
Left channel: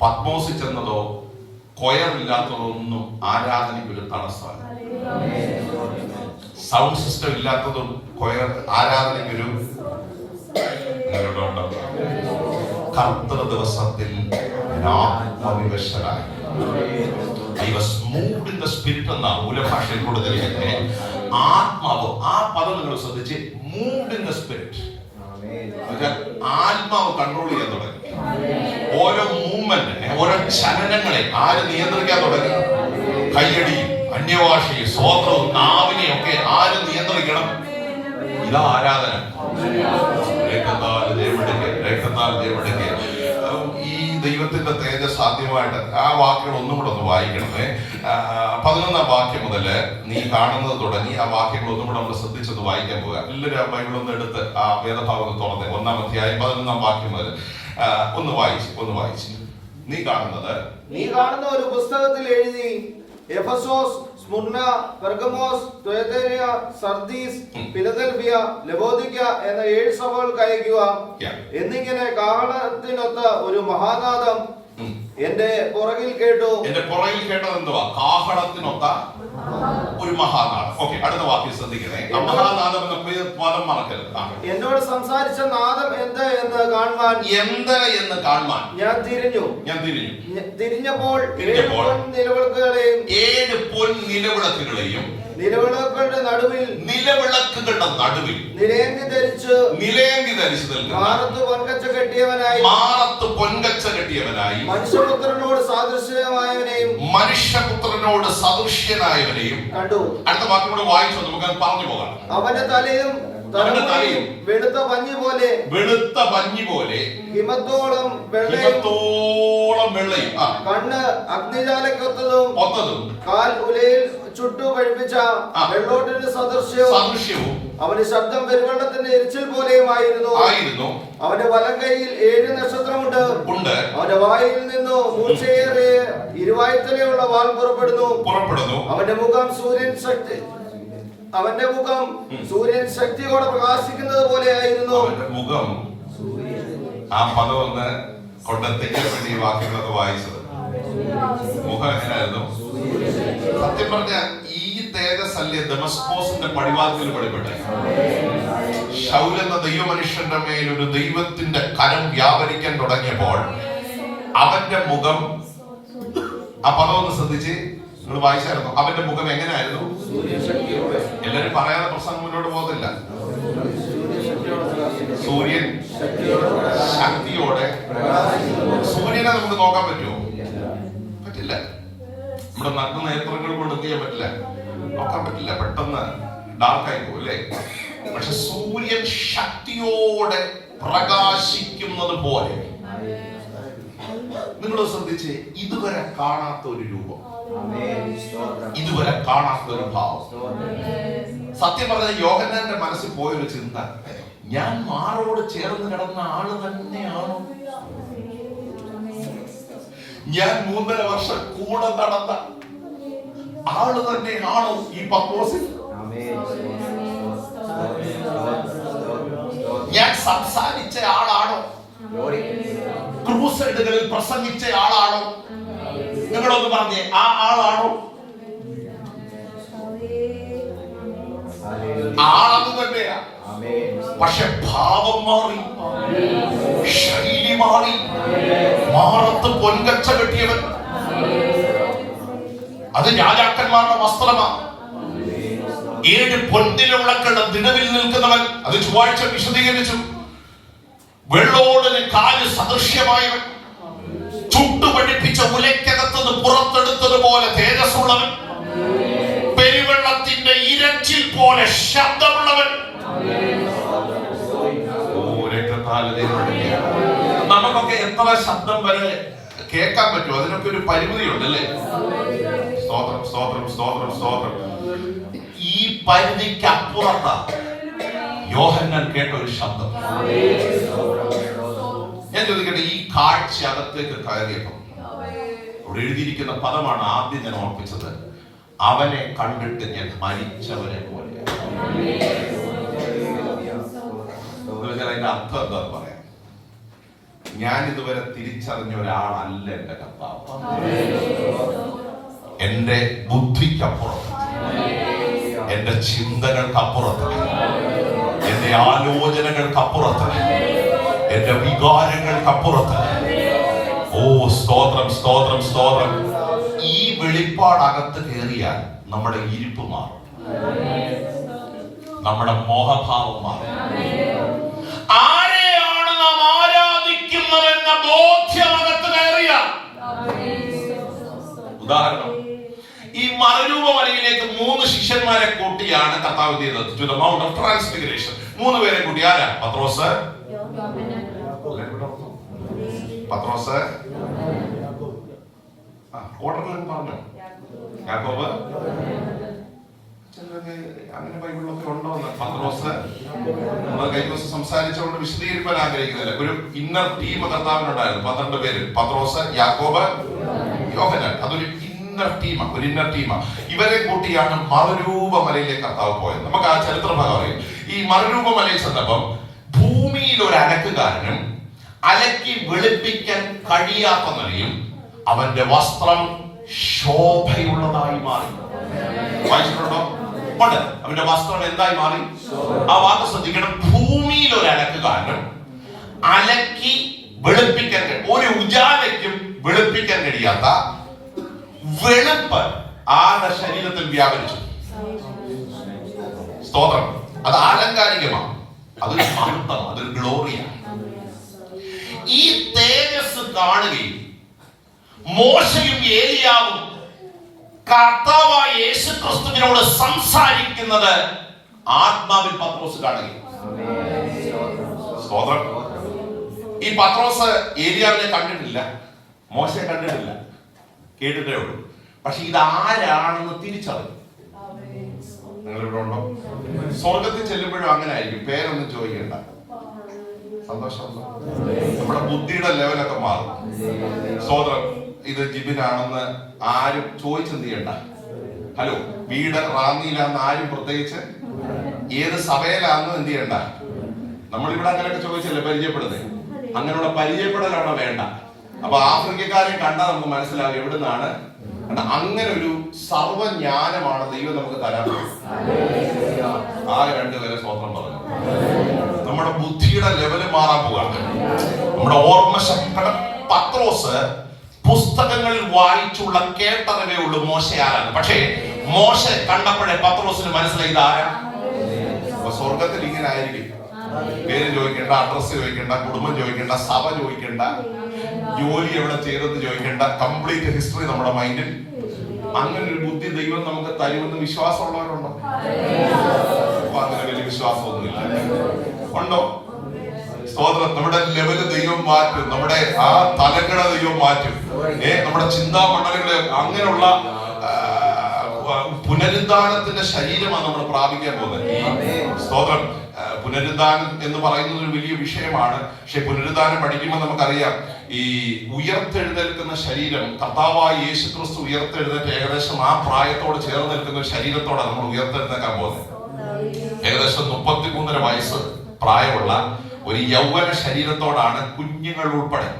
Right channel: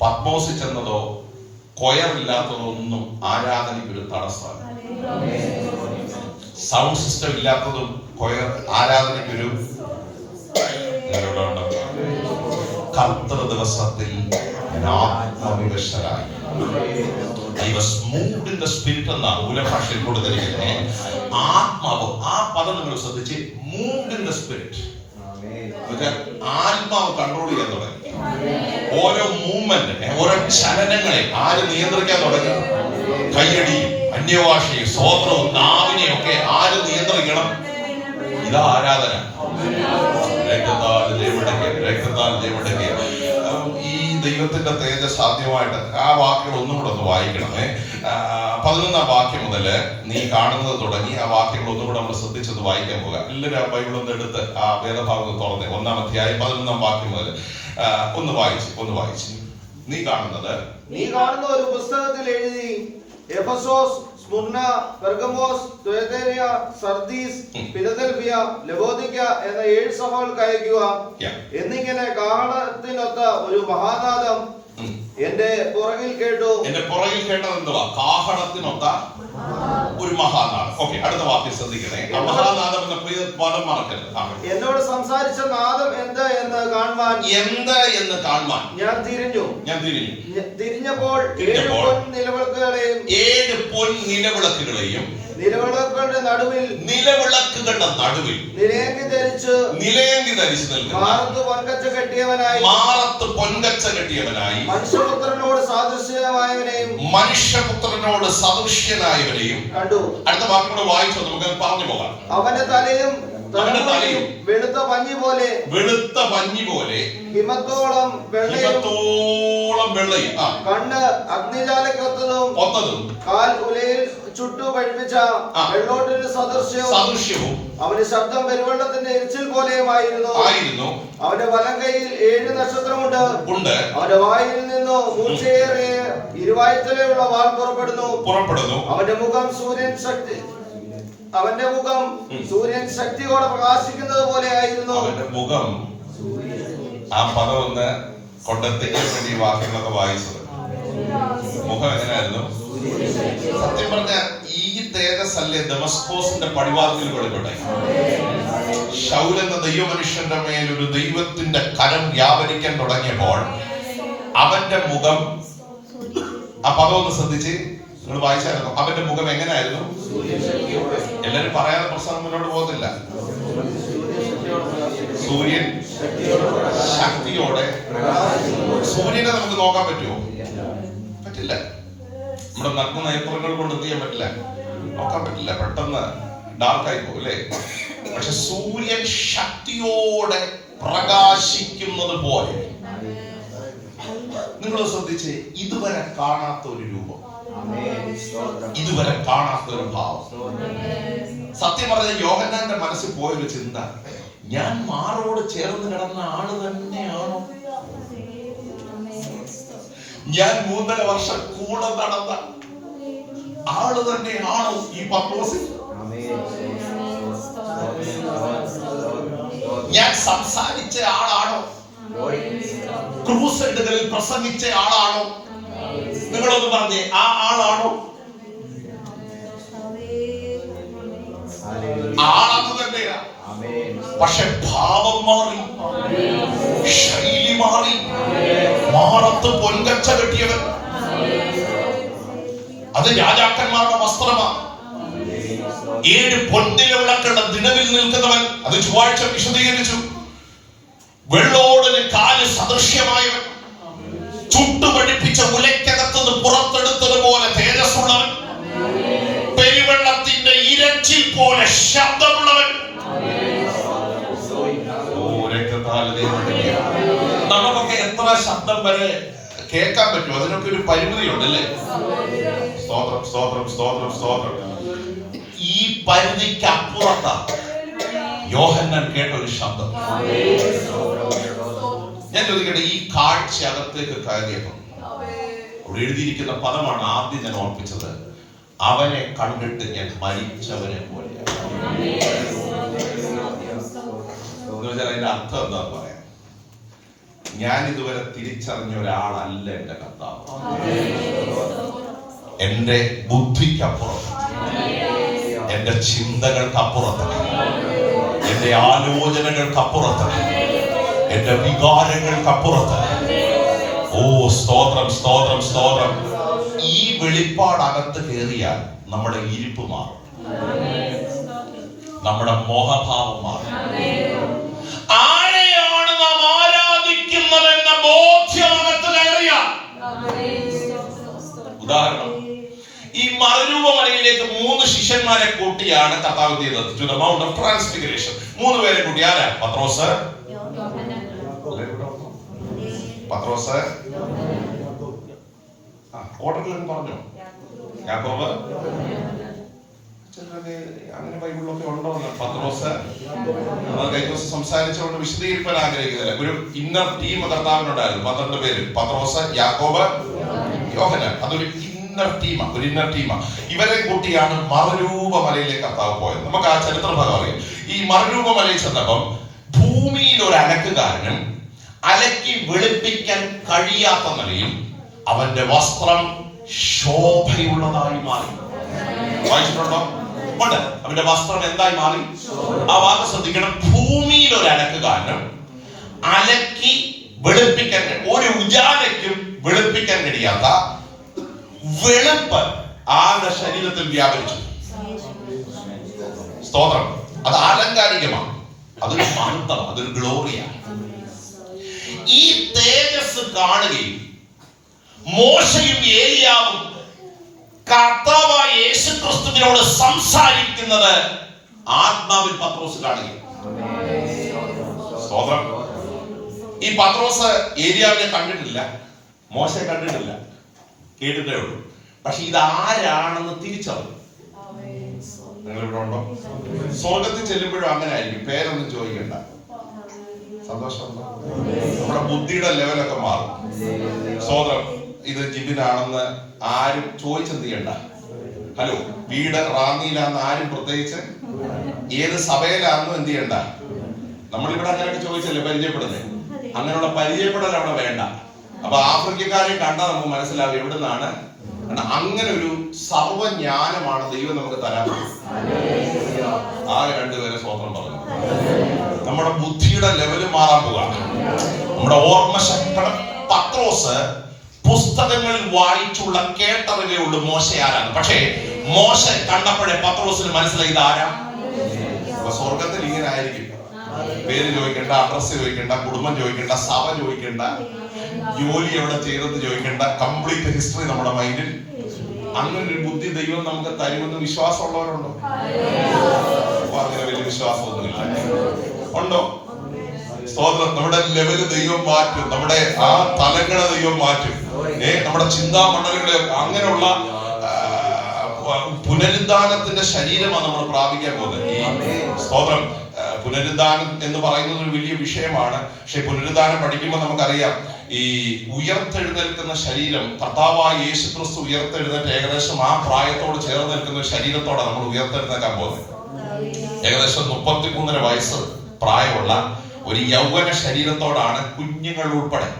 പത്മോസിൽ ചെന്നതോ കൊയറില്ലാത്തതോ ഒന്നും ആരാധനയ്ക്ക് ഒരു തടസ്സമാണ്. സൗണ്ട് സിസ്റ്റം ഇല്ലാത്തതും കൊയർ ആരാധനയ്ക്കൊരു കർത്തൃ ദിവസത്തിൽ ആത്മവിവശരായി. I was moved in the spirit എന്നാണ് മൂലഭാഷയിൽ കൊടുത്തിരിക്കുന്നത്. ആത്മാവ്, ആ പദം നിങ്ങൾ ശ്രദ്ധിച്ച്, moved in the spirit. ആത്മാവ് കൺട്രോൾ ചെയ്യാൻ തുടങ്ങി. ഓരോ മൂവ്മെന്റ്, ഓരോ ചലനങ്ങളെ ആര് നിയന്ത്രിക്കാൻ തുടങ്ങി? കയ്യടിയും അന്യഭാഷയും സ്വോത്രവും നാവിനെയും ഒക്കെ ആര് നിയന്ത്രിക്കണം? ഇതാ ആരാധന. ഈ ദൈവത്തിന്റെ തേജസ് സാധ്യമായിട്ട് ആ വാക്കുകൾ ഒന്നും കൂടെ ഒന്ന് വായിക്കണമേ. 11-ാം വാക്യം മുതൽ നീ കാണുന്നത് തുടങ്ങി ആ വാക്യങ്ങൾ ഒന്നും കൂടെ നമ്മൾ ശ്രദ്ധിച്ചൊന്ന് വായിക്കാൻ പോകുക. എല്ലാവരും ആ ബൈബിൾ ഒന്ന് എടുത്ത് ആ വേദഭാഗം തുറന്ന് 1-ാം അധ്യായം 11-ാം വാക്യം മുതൽ ഒന്ന് വായിച്ചു. നീ കാണുന്ന ഒരു പുസ്തകത്തിൽ എഴുതി Ephesus, Smyrna, Pergamos, തുയതൈര, Sardis, Philadelphia, ലവോദിക്ക എന്ന 7 സഭകൾക്ക് അയക്കുക. എന്നിങ്ങനെ കാഹളത്തിനൊത്ത ഒരു മഹാനാദം എന്റെ പുറകിൽ കേട്ടു. എന്റെ പുറകിൽ കേട്ടത് എന്തുവാ? കാഹളത്തിനൊത്ത ഒരു മഹാനാദം. ഓക്കെ, അടുത്ത വാക്യം ശ്രദ്ധിക്കണേ. മഹാനാദം എന്ന പദം മറക്കരുത്. എന്നോട് സംസാരിച്ച നാദം എന്ത് എന്ന് കാണുവാൻ ഞാൻ തിരിഞ്ഞപ്പോൾ 7 പൊൻനിലവിളക്കുകളെയും നിലവിളക്കുകളുടെ നടുവിൽ നിലയങ്കി ധരിച്ച് മാറത്ത് പൊൻകച്ച കെട്ടിയവനായി മനുഷ്യപുത്രനോട് സദൃശ്യനായവനെയും കണ്ടു. അടുത്ത വാക്കും കൂടെ വായിച്ചോ, നമുക്ക് പറഞ്ഞു പോകാം. അവന്റെ തലയും വെളുത്ത പഞ്ഞി പോലെ ഹിമത്തോളം വെള്ളയും കണ്ണ് അഗ്നിജാലക്കൊത്തതും കാൽ ഉലയിൽ ചുട്ടു പഴിപ്പിച്ച വെള്ളോട്ടിന്റെ സദൃശ്യവും അവന്റെ ശബ്ദം പെരുവെള്ളത്തിന്റെ എരിച്ചിൽ പോലെയുമായിരുന്നു. അവന്റെ വലം കൈയിൽ 7 നക്ഷത്രമുണ്ട്. അവന്റെ വായിൽ നിന്നു മൂർച്ചയേറിയ ഇരുവായ്ത്തലയുള്ള വാൾ പുറപ്പെടുന്നു. അവന്റെ മുഖം സൂര്യൻ പ്രകാശിക്കുന്നത് പോലെ ആയിരുന്നു. അവന്റെ മുഖം, ആ പദം ഒന്ന് കൊണ്ടെത്തിക്കാൻ വേണ്ടി വാക്യങ്ങളൊക്കെ വായിച്ചത്. മുഖം എങ്ങനെയായിരുന്നു? സത്യം പറഞ്ഞ ഈ തേജസ് അല്ലേ ദമസ്കോസിന്റെ പടിവാതിൽ വെളിപ്പെട്ടെ. ശൗൽ എന്ന ദൈവമനുഷ്യന്റെ മേൽ ഒരു ദൈവത്തിന്റെ കരം വ്യാപരിക്കാൻ തുടങ്ങിയപ്പോൾ അവന്റെ മുഖം, ആ പദം ഒന്ന് ശ്രദ്ധിച്ച് നിങ്ങൾ വായിച്ചായിരുന്നു. അവന്റെ മുഖം എങ്ങനെയായിരുന്നു? എല്ലാരും പറയാതെ പ്രസംഗം മുന്നോട്ട് പോകുന്നില്ല. സൂര്യൻ ശക്തിയോടെ. സൂര്യനെ നമുക്ക് നോക്കാൻ പറ്റുമോ? പറ്റില്ല. നമ്മുടെ നഗ്ന നേത്രങ്ങൾ കൊണ്ട് എന്ത് ചെയ്യാൻ പറ്റില്ല, നോക്കാൻ പറ്റില്ല. പെട്ടെന്ന് ഡാർക്കായി പോകും അല്ലേ? പക്ഷെ സൂര്യൻ ശക്തിയോടെ പ്രകാശിക്കുന്നത് പോലെ നിങ്ങൾ ശ്രദ്ധിച്ച്, ഇതുവരെ കാണാത്ത ഒരു രൂപം, ഇതുവരെ കാണാത്ത ഒരു ഭാവം. സത്യം പറഞ്ഞ യോഹന്നാന്റെ മനസ്സിൽ പോയൊരു ചിന്ത, ഞാൻ മാറോട് ചേർന്ന് കിടന്ന ആള് തന്നെയാണോ? ഞാൻ 3.5 വർഷം കൂടെ നടന്ന ആള് തന്നെയാണോ ഈ പത്മോസിൽ? ഞാൻ സംസാരിച്ച ആളാണോ? ക്രൂസൈഡുകളിൽ പ്രസംഗിച്ച ആളാണോ? നിങ്ങളൊന്ന് പറഞ്ഞേ, ആ ആളാണോ? ആളത് തന്നെയാ. പക്ഷെ ഭാവം മാറി, ശൈലി മാറി. മാറത്ത് പൊൻകച്ച കെട്ടിയവൻ, അത് രാജാക്കന്മാരുടെ വസ്ത്രമാണ്. 7 പൊൻനിലവിളക്കുകളുടെ നിലവിൽ നിൽക്കുന്നവൻ, അത് ചൊവ്വാഴ്ച വിശദീകരിച്ചു. വെള്ളോടിന് കാല് സദൃശ്യമായവൻ, ചുട്ടുപഠിപ്പിച്ച ഉലയ്ക്കകത്തത് പുറത്തെടുത്തതുപോലെ തേജസ്സുള്ളവൻ, പെരുവെള്ളത്തിന്റെ ഇരച്ചിൽ പോലെ ശബ്ദമുള്ളവൻ. നമുക്കൊക്കെ എത്ര ശബ്ദം വരെ കേൾക്കാൻ പറ്റും? അതിനൊക്കെ ഒരു പരിമിതിയുണ്ട് അല്ലേ? സ്തോത്രം, സ്തോത്രം, സ്തോത്രം, സ്തോത്രം. ഈ പരിധിക്ക് അപ്പുറത്താണ് യോഹന്നാൻ കേട്ട ഒരു ശബ്ദം. ഞാൻ ചോദിക്കട്ടെ, ഈ കാഴ്ച അകത്തേക്ക് കയറിയപ്പോൾ അവിടെ എഴുതിയിരിക്കുന്ന പദമാണ് ആദ്യം ഞാൻ ഓർപ്പിച്ചത്. അവനെ കണ്ടിട്ട് ഞാൻ മരിച്ചവനെ പോലെ. അതിന്റെ അർത്ഥം എന്താ പറയാ? ഞാൻ ഇതുവരെ തിരിച്ചറിഞ്ഞ ഒരാളല്ല എന്റെ കർത്താവ്. എന്റെ ബുദ്ധിക്കപ്പുറത്ത്, എന്റെ ചിന്തകൾക്കപ്പുറത്ത്, എന്റെ ആലോചനകൾക്കപ്പുറത്ത്, എന്റെ വികാരങ്ങൾക്കപ്പുറത്ത്. ഓ സ്തോത്രം, സ്തോത്രം, സ്തോത്രം. ഈ വെളിപ്പാടകത്ത് കയറിയാൽ നമ്മുടെ ഇരിപ്പ് മാറും, നമ്മുടെ മോഹഭാവം മാറും. ആരെയാണ് നാം ആരാധിക്കുന്നതെന്ന ബോധ്യമകത്ത് കയറിയാൽ, ഉദാഹരണം, ഈ മറുരൂപമലയിലേക്ക് 3 ശിഷ്യന്മാരെ കൂട്ടിയാണ് കർത്താവ് ചെയ്തത്. To the mount of transfiguration 3 പേരെ കൂട്ടി. ആരാ? പത്രോസ്, ഓർഡറിലും പറഞ്ഞോ, യാക്കോബ്, അങ്ങനെ ബൈബിളിലൊക്കെ ഉണ്ടോ? പത്രോസ്. കഴിഞ്ഞ ദിവസം സംസാരിച്ചുകൊണ്ട് വിശദീകരിക്കാൻ ആഗ്രഹിക്കുന്നില്ല. ഒരു ഇന്നർ ടീം കർത്താവിനുണ്ടായിരുന്നു, 12 പേര്. പത്രോസ്, യാക്കോബ്, യോഹന്നാൻ. അതൊരു ഇന്നർ ടീമാ. ഇവരെ കൂട്ടിയാണ് മറുരൂപമലയിലേക്ക് കർത്താവ് പോയത്. നമുക്ക് ആ ചരിത്ര ഭാഗം അറിയാം. ഈ മറുരൂപമലയിൽ ചെന്നപ്പം ഭൂമിയിൽ ഒരു അലക്കുകാരനും അലക്കി വെളുപ്പിക്കാൻ കഴിയാത്ത നിലയിൽ അവന്റെ വസ്ത്രം ശോഭയുള്ളതായി മാറി. വായിച്ചിട്ടുണ്ടോ? ഉണ്ട്. അവന്റെ വസ്ത്രം എന്തായി മാറി? ആ വാക്ക് ശ്രദ്ധിക്കണം. ഭൂമിയിൽ ഒരു അലക്കുകാരനും അലക്കി വെളുപ്പിക്കാൻ, ഒരു ഉജാലയ്ക്കും വെളുപ്പിക്കാൻ കഴിയാത്ത വെളുപ്പ് ആരുടെ ശരീരത്തിൽ വ്യാപരിച്ചു. സ്തോത്രം. അത് ആലങ്കാരികമാണ്, അതൊരു മഹത്വം, അതൊരു ഗ്ലോറിയാണ്. ഈ തേജസ് കാണുകയും മോശയും ഏലിയാവും കർത്താവായ യേശുക്രിസ്തുവിനോട് സംസാരിക്കുന്നത് ആത്മാവിൽ പത്രോസ് കാണുകയും. സ്തോത്രം. ഈ പത്രോസ് ഏലിയാവിനെ കണ്ടിട്ടില്ല, മോശയെ കണ്ടിട്ടില്ല, കേട്ടിട്ടേ ഉള്ളൂ. പക്ഷെ ഇത് ആരാണെന്ന് തിരിച്ചറിയും. നിങ്ങളിവിടെ ഉണ്ടോ? സ്വർഗത്തിൽ ചെല്ലുമ്പോഴും അങ്ങനെ ആയിരിക്കും. പേരൊന്നും ചോദിക്കണ്ട, സന്തോഷം. നമ്മുടെ ബുദ്ധിയുടെ ലെവലൊക്കെ മാറും. സ്തോത്രം. ഇത് ജിബിനാണെന്ന് ആരും ചോദിച്ചെന്ത് ചെയ്യണ്ട. ഹലോ, വീട് റാന്നിയിലാന്ന് ആരും പ്രത്യേകിച്ച് ഏത് സഭയിലാണെന്ന് എന്ത് ചെയ്യണ്ട. നമ്മളിവിടെ അങ്ങനെയൊക്കെ ചോദിച്ചല്ലേ പരിചയപ്പെടുന്നത്. അങ്ങനെയുള്ള പരിചയപ്പെടൽ അവിടെ വേണ്ട. അപ്പൊ ആഫ്രിക്കക്കാരെ കണ്ടാൽ നമുക്ക് മനസ്സിലാവും എവിടുന്നാണ്. അങ്ങനെ ഒരു സർവജ്ഞാനമാണ് ദൈവം നമുക്ക് തരാൻ. ആ 2 പേരെ സ്വന്തം പറഞ്ഞു. നമ്മുടെ ബുദ്ധിയുടെ ലെവല് മാറാൻ പോവാണ്, നമ്മുടെ ഓർമ്മശക്തി. പത്രോസ് പുസ്തകങ്ങളിൽ വായിച്ചുള്ള കേട്ടറിവേ ഉള്ളൂ മോശ ആരാണ്. പക്ഷേ മോശ കണ്ടപ്പോഴേ പത്രോസിന് മനസ്സിലായി ഇതാരാ. സ്വർഗത്തിൽ ഇങ്ങനെ ആയിരിക്കും. പേര് ചോദിക്കണ്ട, അഡ്രസ് ചോദിക്കണ്ട, കുടുംബം ചോദിക്കണ്ട, സഭ ചോദിക്കണ്ട, ജോലി എവിടെ ചെയ്തെന്ന് ചോദിക്കണ്ട. കംപ്ലീറ്റ് ഹിസ്റ്ററി നമ്മുടെ മൈൻഡിൽ. അങ്ങനെ ഒരു ബുദ്ധി ദൈവം നമുക്ക് തരുമെന്ന് വിശ്വാസമുള്ളവരുണ്ടോ? അങ്ങനെ വലിയ വിശ്വാസമൊന്നുമില്ല. ഉണ്ടോ? സ്തോത്രം. നമ്മുടെ ലെവല് ദൈവം മാറ്റും, നമ്മുടെ ആ തലങ്ങളെ ദൈവം മാറ്റും. നമ്മുടെ ചിന്താമണ്ഡലങ്ങള് അങ്ങനെയുള്ള പുനരുദ്ധാനത്തിന്റെ ശരീരമാണ് നമ്മൾ പ്രാപിക്കാൻ പോകുന്നത്. ഈ സ്തോത്രം. പുനരുദ്ധാനം എന്ന് പറയുന്നത് ഒരു വലിയ വിഷയമാണ്. പക്ഷെ പുനരുദ്ധാനം പഠിക്കുമ്പോൾ നമുക്കറിയാം, ഈ ഉയർത്തെഴുന്നേൽക്കുന്ന ശരീരം, കർത്താവായ യേശുക്രിസ്തു ഉയർത്തെഴുന്നേറ്റ് ഏകദേശം ആ പ്രായത്തോട് ചേർന്ന് നിൽക്കുന്ന ഒരു ശരീരത്തോടെ നമ്മൾ ഉയർത്തെഴുന്നേക്കാൻ പോകുന്നത്. ഏകദേശം 33.5 വയസ്സ് പ്രായമുള്ള ഒരു യൗവന ശരീരത്തോടാണ് കുഞ്ഞുങ്ങൾ ഉൾപ്പെടെ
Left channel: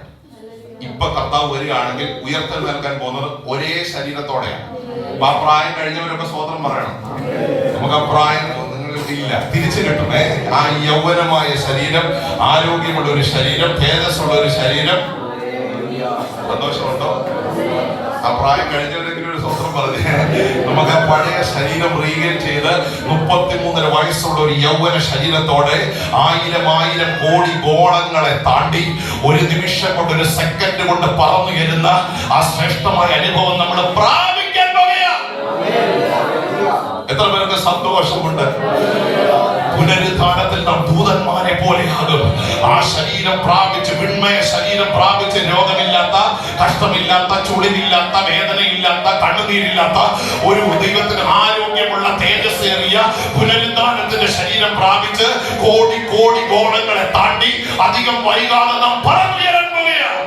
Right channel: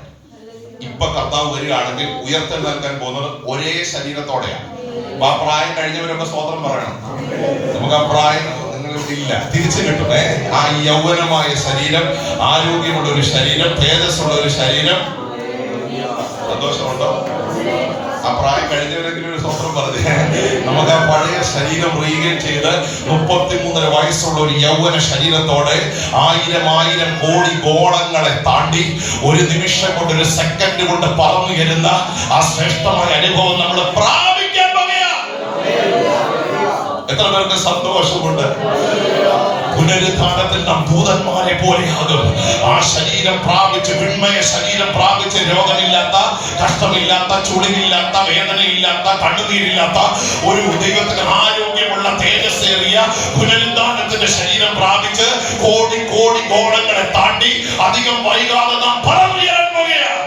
ഇപ്പൊ കർത്താവ് വരികയാണെങ്കിൽ ഉയർത്തെഴുന്നേൽക്കാൻ പോകുന്നത് ഒരേ ശരീരത്തോടെയാണ്. അപ്പൊ ആ പ്രായം കഴിഞ്ഞവരൊക്കെ സ്തോത്രം പറയണം. നമുക്ക് ആ പ്രായം ഇല്ല, തിരിച്ചു കിട്ടണേ. ആ യൗവനമായ ശരീരം, ആരോഗ്യമുള്ള ഒരു ശരീരം, തേജസ്സുള്ള ഒരു ശരീരം. സന്തോഷമുണ്ടോ? ആ പ്രായം കഴിഞ്ഞവരെങ്കിലും ഒരു സ്വന്തം പറഞ്ഞു. നമുക്ക് ആ പഴയ ശരീരം റീഗെയിൻ ചെയ്ത് 33.5 വയസ്സുള്ള ഒരു യൗവന ശരീരത്തോടെ 1000 കോടി ഗോളങ്ങളെ താണ്ടി ഒരു നിമിഷം കൊണ്ട്, ഒരു സെക്കൻഡ് കൊണ്ട് പറന്നു വരുന്ന ആ ശ്രേഷ്ഠമായ അനുഭവം നമ്മൾ പ്രാപിക്കാൻ പോകുകയാണ്. എത്ര പേർക്ക് സന്തോഷമുണ്ട്? പുനരുദ്ധാനത്തിൽ നാം ദൂതന്മാരെ പോലെയാകും. ആ ശരീരം പ്രാപിച്ച്, വിണ്മയ ശരീരം പ്രാപിച്ച്, രോഗമില്ലാത്ത, കഷ്ടമില്ലാത്ത, ചുളിവില്ലാത്ത, വേദനയില്ലാത്ത, കണ്ണുനീരില്ലാത്ത ഒരു ദൈവത്തിന് ആരോഗ്യമുള്ള തേജസ്സേറിയ പുനരുദ്ധാനത്തിന്റെ ശരീരം പ്രാപിച്ച് കോടി കോടി ഗോളങ്ങളെ താണ്ടി അധികം വൈകാതെ നാം പറന്നുയരാൻ പോവുകയാണ്.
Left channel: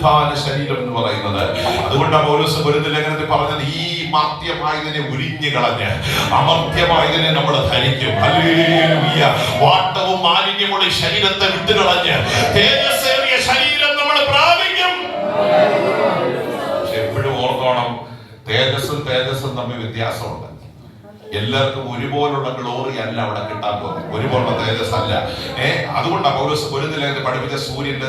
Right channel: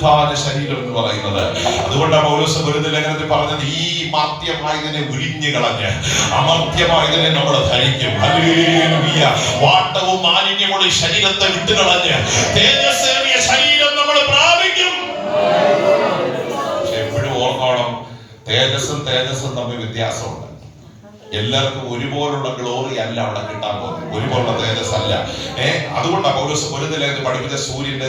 പുനരുത്ഥാന ശരീരം എന്ന് പറയുന്നത്. അതുകൊണ്ടാണ് പൗലോസ് കൊരിന്ത്യർ ലേഖനത്തിൽ പറഞ്ഞത്, ഈ മാർത്യമായതിനെ ഉരിഞ്ഞു കളഞ്ഞ് അമർത്യമായതിനെ നമ്മൾ ധരിക്കും. ഹല്ലേലൂയ. വാട്ടവും മാലിന്യമുള്ള ശരീരത്തെ വിട്ടുകളഞ്ഞ് തേജസ്സേറിയ ശരീരം നമ്മൾ പ്രാപിക്കും. പക്ഷെ എപ്പോഴും ഓർക്കണം, തേജസ്സും തമ്മിൽ വ്യത്യാസമുണ്ട്. എല്ലാവർക്കും ഒരുപോലുള്ള ഗ്ലോറി അല്ല അവിടെ കിട്ടാൻ പോകുന്നത്, ഒരുപോലുള്ള തേജസ് അല്ല. അതുകൊണ്ടാണ് പൗലോസ് കൊരിന്ത്യർ ലേഖനത്തിൽ പഠിപ്പിച്ച സൂര്യന്റെ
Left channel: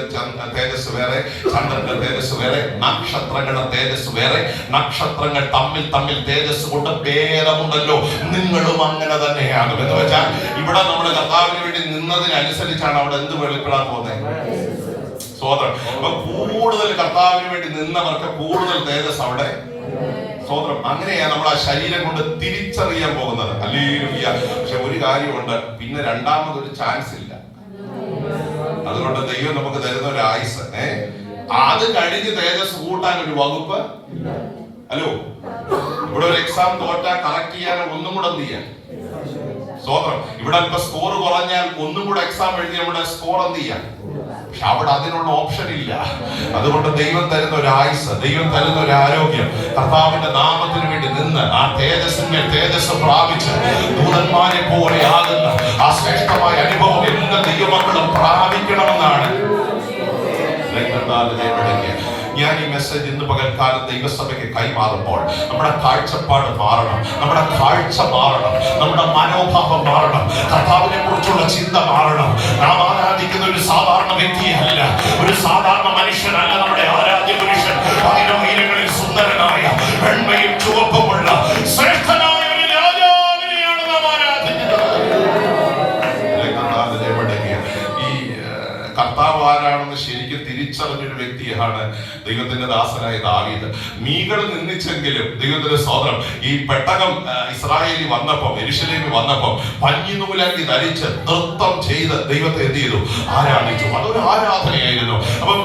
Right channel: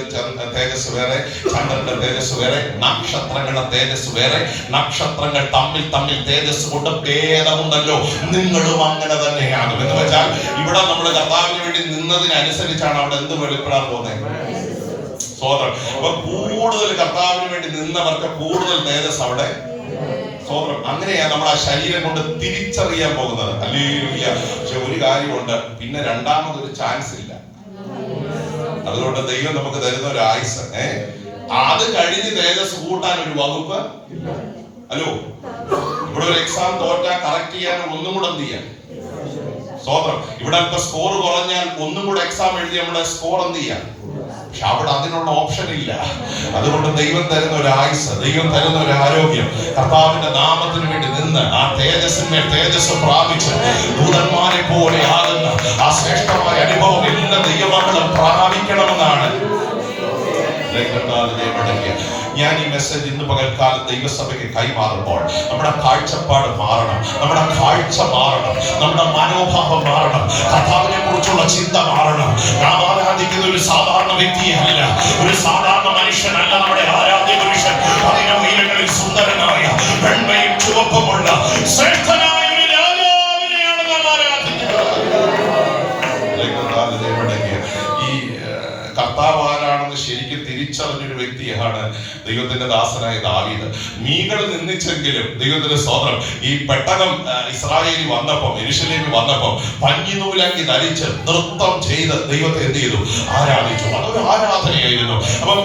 തേജസ് വേറെ, ചന്ദ്രന്റെ തേജസ് വേറെ, നക്ഷത്രങ്ങളുടെ തേജസ് വേറെ. നക്ഷത്രങ്ങൾ തമ്മിൽ തേജസ് കൊണ്ട് ഭേദമുണ്ടല്ലോ, നിങ്ങളും അങ്ങനെ തന്നെയാണ്. എന്ന് വെച്ചാൽ ഇവിടെ നമ്മൾ കർത്താവിന് വേണ്ടി നിന്നതിനനുസരിച്ചാണ് അവിടെ എന്ത് വെളിപ്പെടാൻ പോകുന്നത്. സ്വതന്ത്രം. അപ്പൊ കൂടുതൽ കർത്താവിന് വേണ്ടി നിന്നവർക്ക് കൂടുതൽ തേജസ് അവിടെ. സ്വതന്ത്രം. അങ്ങനെയാ നമ്മൾ ആ ശരീരം കൊണ്ട് തിരിച്ചറിയാൻ പോകുന്നത്. ഹല്ലേലൂയ. പക്ഷെ ഒരു കാര്യമുണ്ട്, പിന്നെ രണ്ടാമതൊരു ചാൻസ് ഇല്ല. അതുകൊണ്ട് ദൈവം നമുക്ക് തരുന്ന ഒരു ആയുസ്, അത് കഴിഞ്ഞ് തേജസ് കൂട്ടാൻ ഒരു വകുപ്പ്. ഹലോ, ഇവിടെ ഒരു എക്സാം തോറ്റാൽ കറക്റ്റ് ചെയ്യാൻ ഒന്നും കൂടെ എന്ത് ചെയ്യാം? സ്വതന്ത്രം. ഇവിടെ ഇപ്പൊ സ്കോർ കുറഞ്ഞാൽ ഒന്നും കൂടെ എക്സാം എഴുതി നമ്മുടെ സ്കോർ എന്ത് ചെയ്യാം? പക്ഷെ അവിടെ അതിനുള്ള ഓപ്ഷൻ ഇല്ല. അതുകൊണ്ട് ദൈവം തരുന്ന ഒരു ആയുസ്, ദൈവം തരുന്ന ഒരു ആരോഗ്യം, കർത്താവിന്റെ നാമത്തിന് വേണ്ടി നിന്ന് ആ തേജസ് പ്രാപിച്ച് ദൂതന്മാരെ പോലെ ആകുന്ന ആ ശ്രേഷ്ഠമായ അനുഭവം എല്ലാ ദൈവമക്കളും പ്രാപിക്കണമെന്നാണ്. ഞാൻ ഈ മെസ്സേജ് ഇന്ന് പകൽക്കാലം ദൈവസഭയ്ക്ക് കൈമാറുമ്പോൾ നമ്മുടെ കാഴ്ചപ്പാട് മാറണം, നമ്മുടെ കാഴ്ച മാറണം, നമ്മുടെ മനോഭാവം മാറണം, കർത്താവിനെ കുറിച്ചുള്ള ചിന്ത മാറണം. നാം ആരാധിക്കുന്ന ഒരു സാധാരണ വ്യക്തിയല്ല, ഒരു സാധാരണ മനുഷ്യനല്ല നമ്മുടെ ആരാധ്യ പുരുഷൻ. അതിനുയരങ്ങളിൽ സുന്ദരനായ വെണ്മയും ചുവപ്പുമുള്ള ശ്രേഷ്ഠനായ ഒരു രാജാവിനെയാണ് നാം ആരാധിക്കുന്നത്. ഈ കർത്താവ് ആരാണെന്ന് ശരിക്കും തിരിച്ചറിഞ്ഞൊരു വ്യക്തിയാണ് ദൈവത്തിന്റെ ദാസനായ ദാവീദ്. മീകൾ നിന്ദിച്ചെങ്കിലും ദൈവത്തിന്റെ സ്തോത്രം, ഈ പെട്ടകം ഇസ്രായേലിൽ വന്നപ്പം, യെരൂശലേമിൽ വന്നപ്പം പഞ്ഞിനൂലങ്കി ധരിച്ച് നൃത്തം ചെയ്ത് ദൈവത്തെ എന്ത് ചെയ്തു? ആരാധിച്ചു. അതൊരു ആരാധനയായിരുന്നു. അപ്പം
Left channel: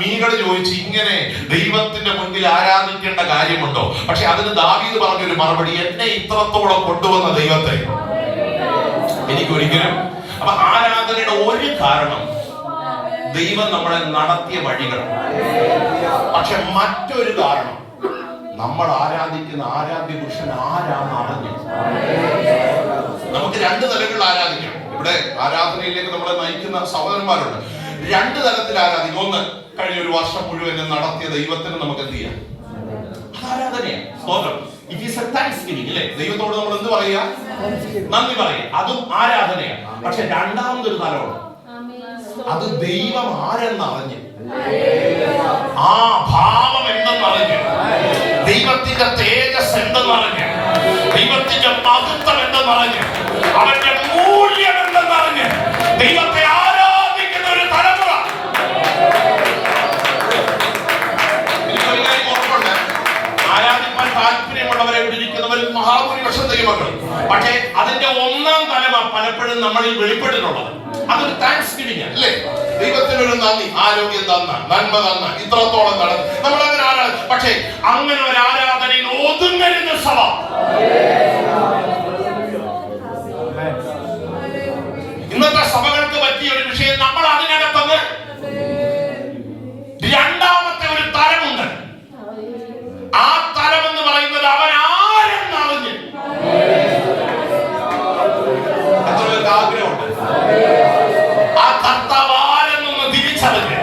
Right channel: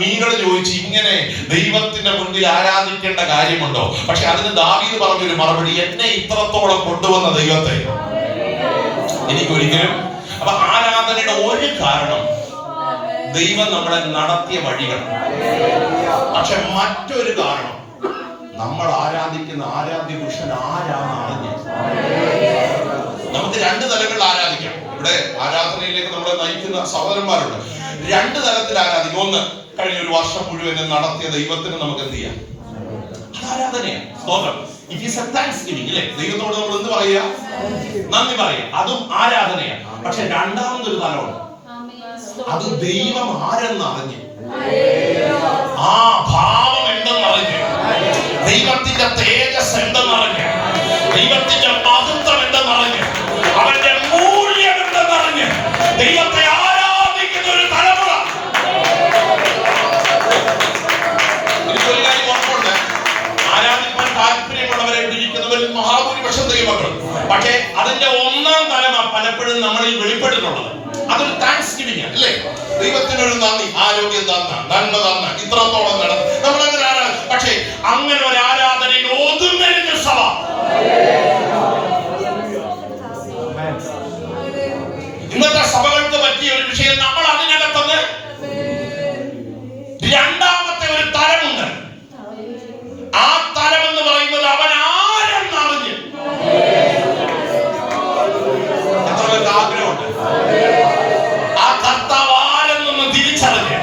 മീകൾ ചോദിച്ചു, ഇങ്ങനെ ദൈവത്തിന്റെ മുൻപിൽ ആരാധിക്കേണ്ട കാര്യമുണ്ടോ? പക്ഷെ അതിന് ദാവീദ് പറഞ്ഞൊരു മറുപടി, എന്നെ ഇത്രത്തോളം കൊണ്ടുവന്ന ദൈവത്തെ എനിക്കൊരിക്കലും. അപ്പൊ ആരാധനയുടെ ഒരു കാരണം ദൈവം നമ്മളെ നടത്തിയ വഴികൾ. പക്ഷെ മറ്റൊരു കാരണം, നമ്മൾ ആരാധിക്കുന്ന ആരാധ്യ പുരുഷൻ ആരാന്ന് അറിഞ്ഞു. നമുക്ക് രണ്ട് തലങ്ങളിൽ ആരാധിക്കാം. ഇവിടെ ആരാധനയിലേക്ക് നമ്മളെ നയിക്കുന്ന സഹോദരന്മാരുണ്ട്. രണ്ട് തലത്തിൽ ആരാധിക്കും. ഒന്ന്, കഴിഞ്ഞ ഒരു വർഷം മുഴുവൻ നടത്തിയ ദൈവത്തിന് നമുക്ക് എന്ത് ചെയ്യാം? ആരാധനയാണ്. സ്തോത്രം. ഇറ്റ് ഈസ് എ താങ്ക്സ്ഗിവിംഗ്, അല്ലേ? ദൈവത്തോട് നമ്മൾ എന്ത് പറയുക? നന്ദി പറയുക. അതും ആരാധനയാണ്. പക്ഷെ രണ്ടാമതൊരു തലമുണ്ട്, അത് ദൈവം ആരെന്നറിഞ്ഞ്, ആ ഭാവം എന്തെന്നറിഞ്ഞ്, ദൈവത്തിന്റെ തേജസ് എന്തെന്നറിഞ്ഞ്, ദൈവത്തിന്റെ മഹത്വം എന്തെന്നറിഞ്ഞ്, അവന്റെ മൂല്യം എന്തെന്നറിഞ്ഞ് ദൈവത്തെ ആരാധിക്കുന്ന ഒരു തലമുറ. എനിക്കൊരു കാര്യം ഓർമ്മയുണ്ട്, ആരാധിക്കാൻ താല്പര്യമുള്ളവരെ ഇരിക്കുന്നവരിൽ മഹാഭൂരിപക്ഷം ദൈവമക്കൾ. പക്ഷേ അതിന്റെ ഒന്നാം തലമ പലപ്പോഴും നമ്മളിൽ വെളിപ്പെട്ടിട്ടുള്ളത് അതൊരു താങ്ക്സ്ഗിവിംഗ്, അല്ലേ? ദൈവത്തിനൊരു നന്ദി, ആരോഗ്യം തന്ന, നന്മ തന്ന, ഇത്രത്തോളം നടന്നു, നമ്മൾ അങ്ങനെ ആരാധന. പക്ഷേ അങ്ങനെ ഒരു ആരാധനയിൽ ഒതുങ്ങരുന്ന സഭ. ഇന്നത്തെ സഭകൾക്ക് പറ്റിയ ഒരു വിഷയം, നമ്മൾ അതിനകത്തത് രണ്ടാമത്തെ ഒരു തലമുണ്ട്. ആ തലം എന്ന് പറയുന്നത് അവൻ ആരെന്നറിഞ്ഞ്. എത്ര ആഗ്രഹമുണ്ട് ആ കർത്താവ് ആരെന്നൊന്ന് തിരിച്ചറിഞ്ഞ്.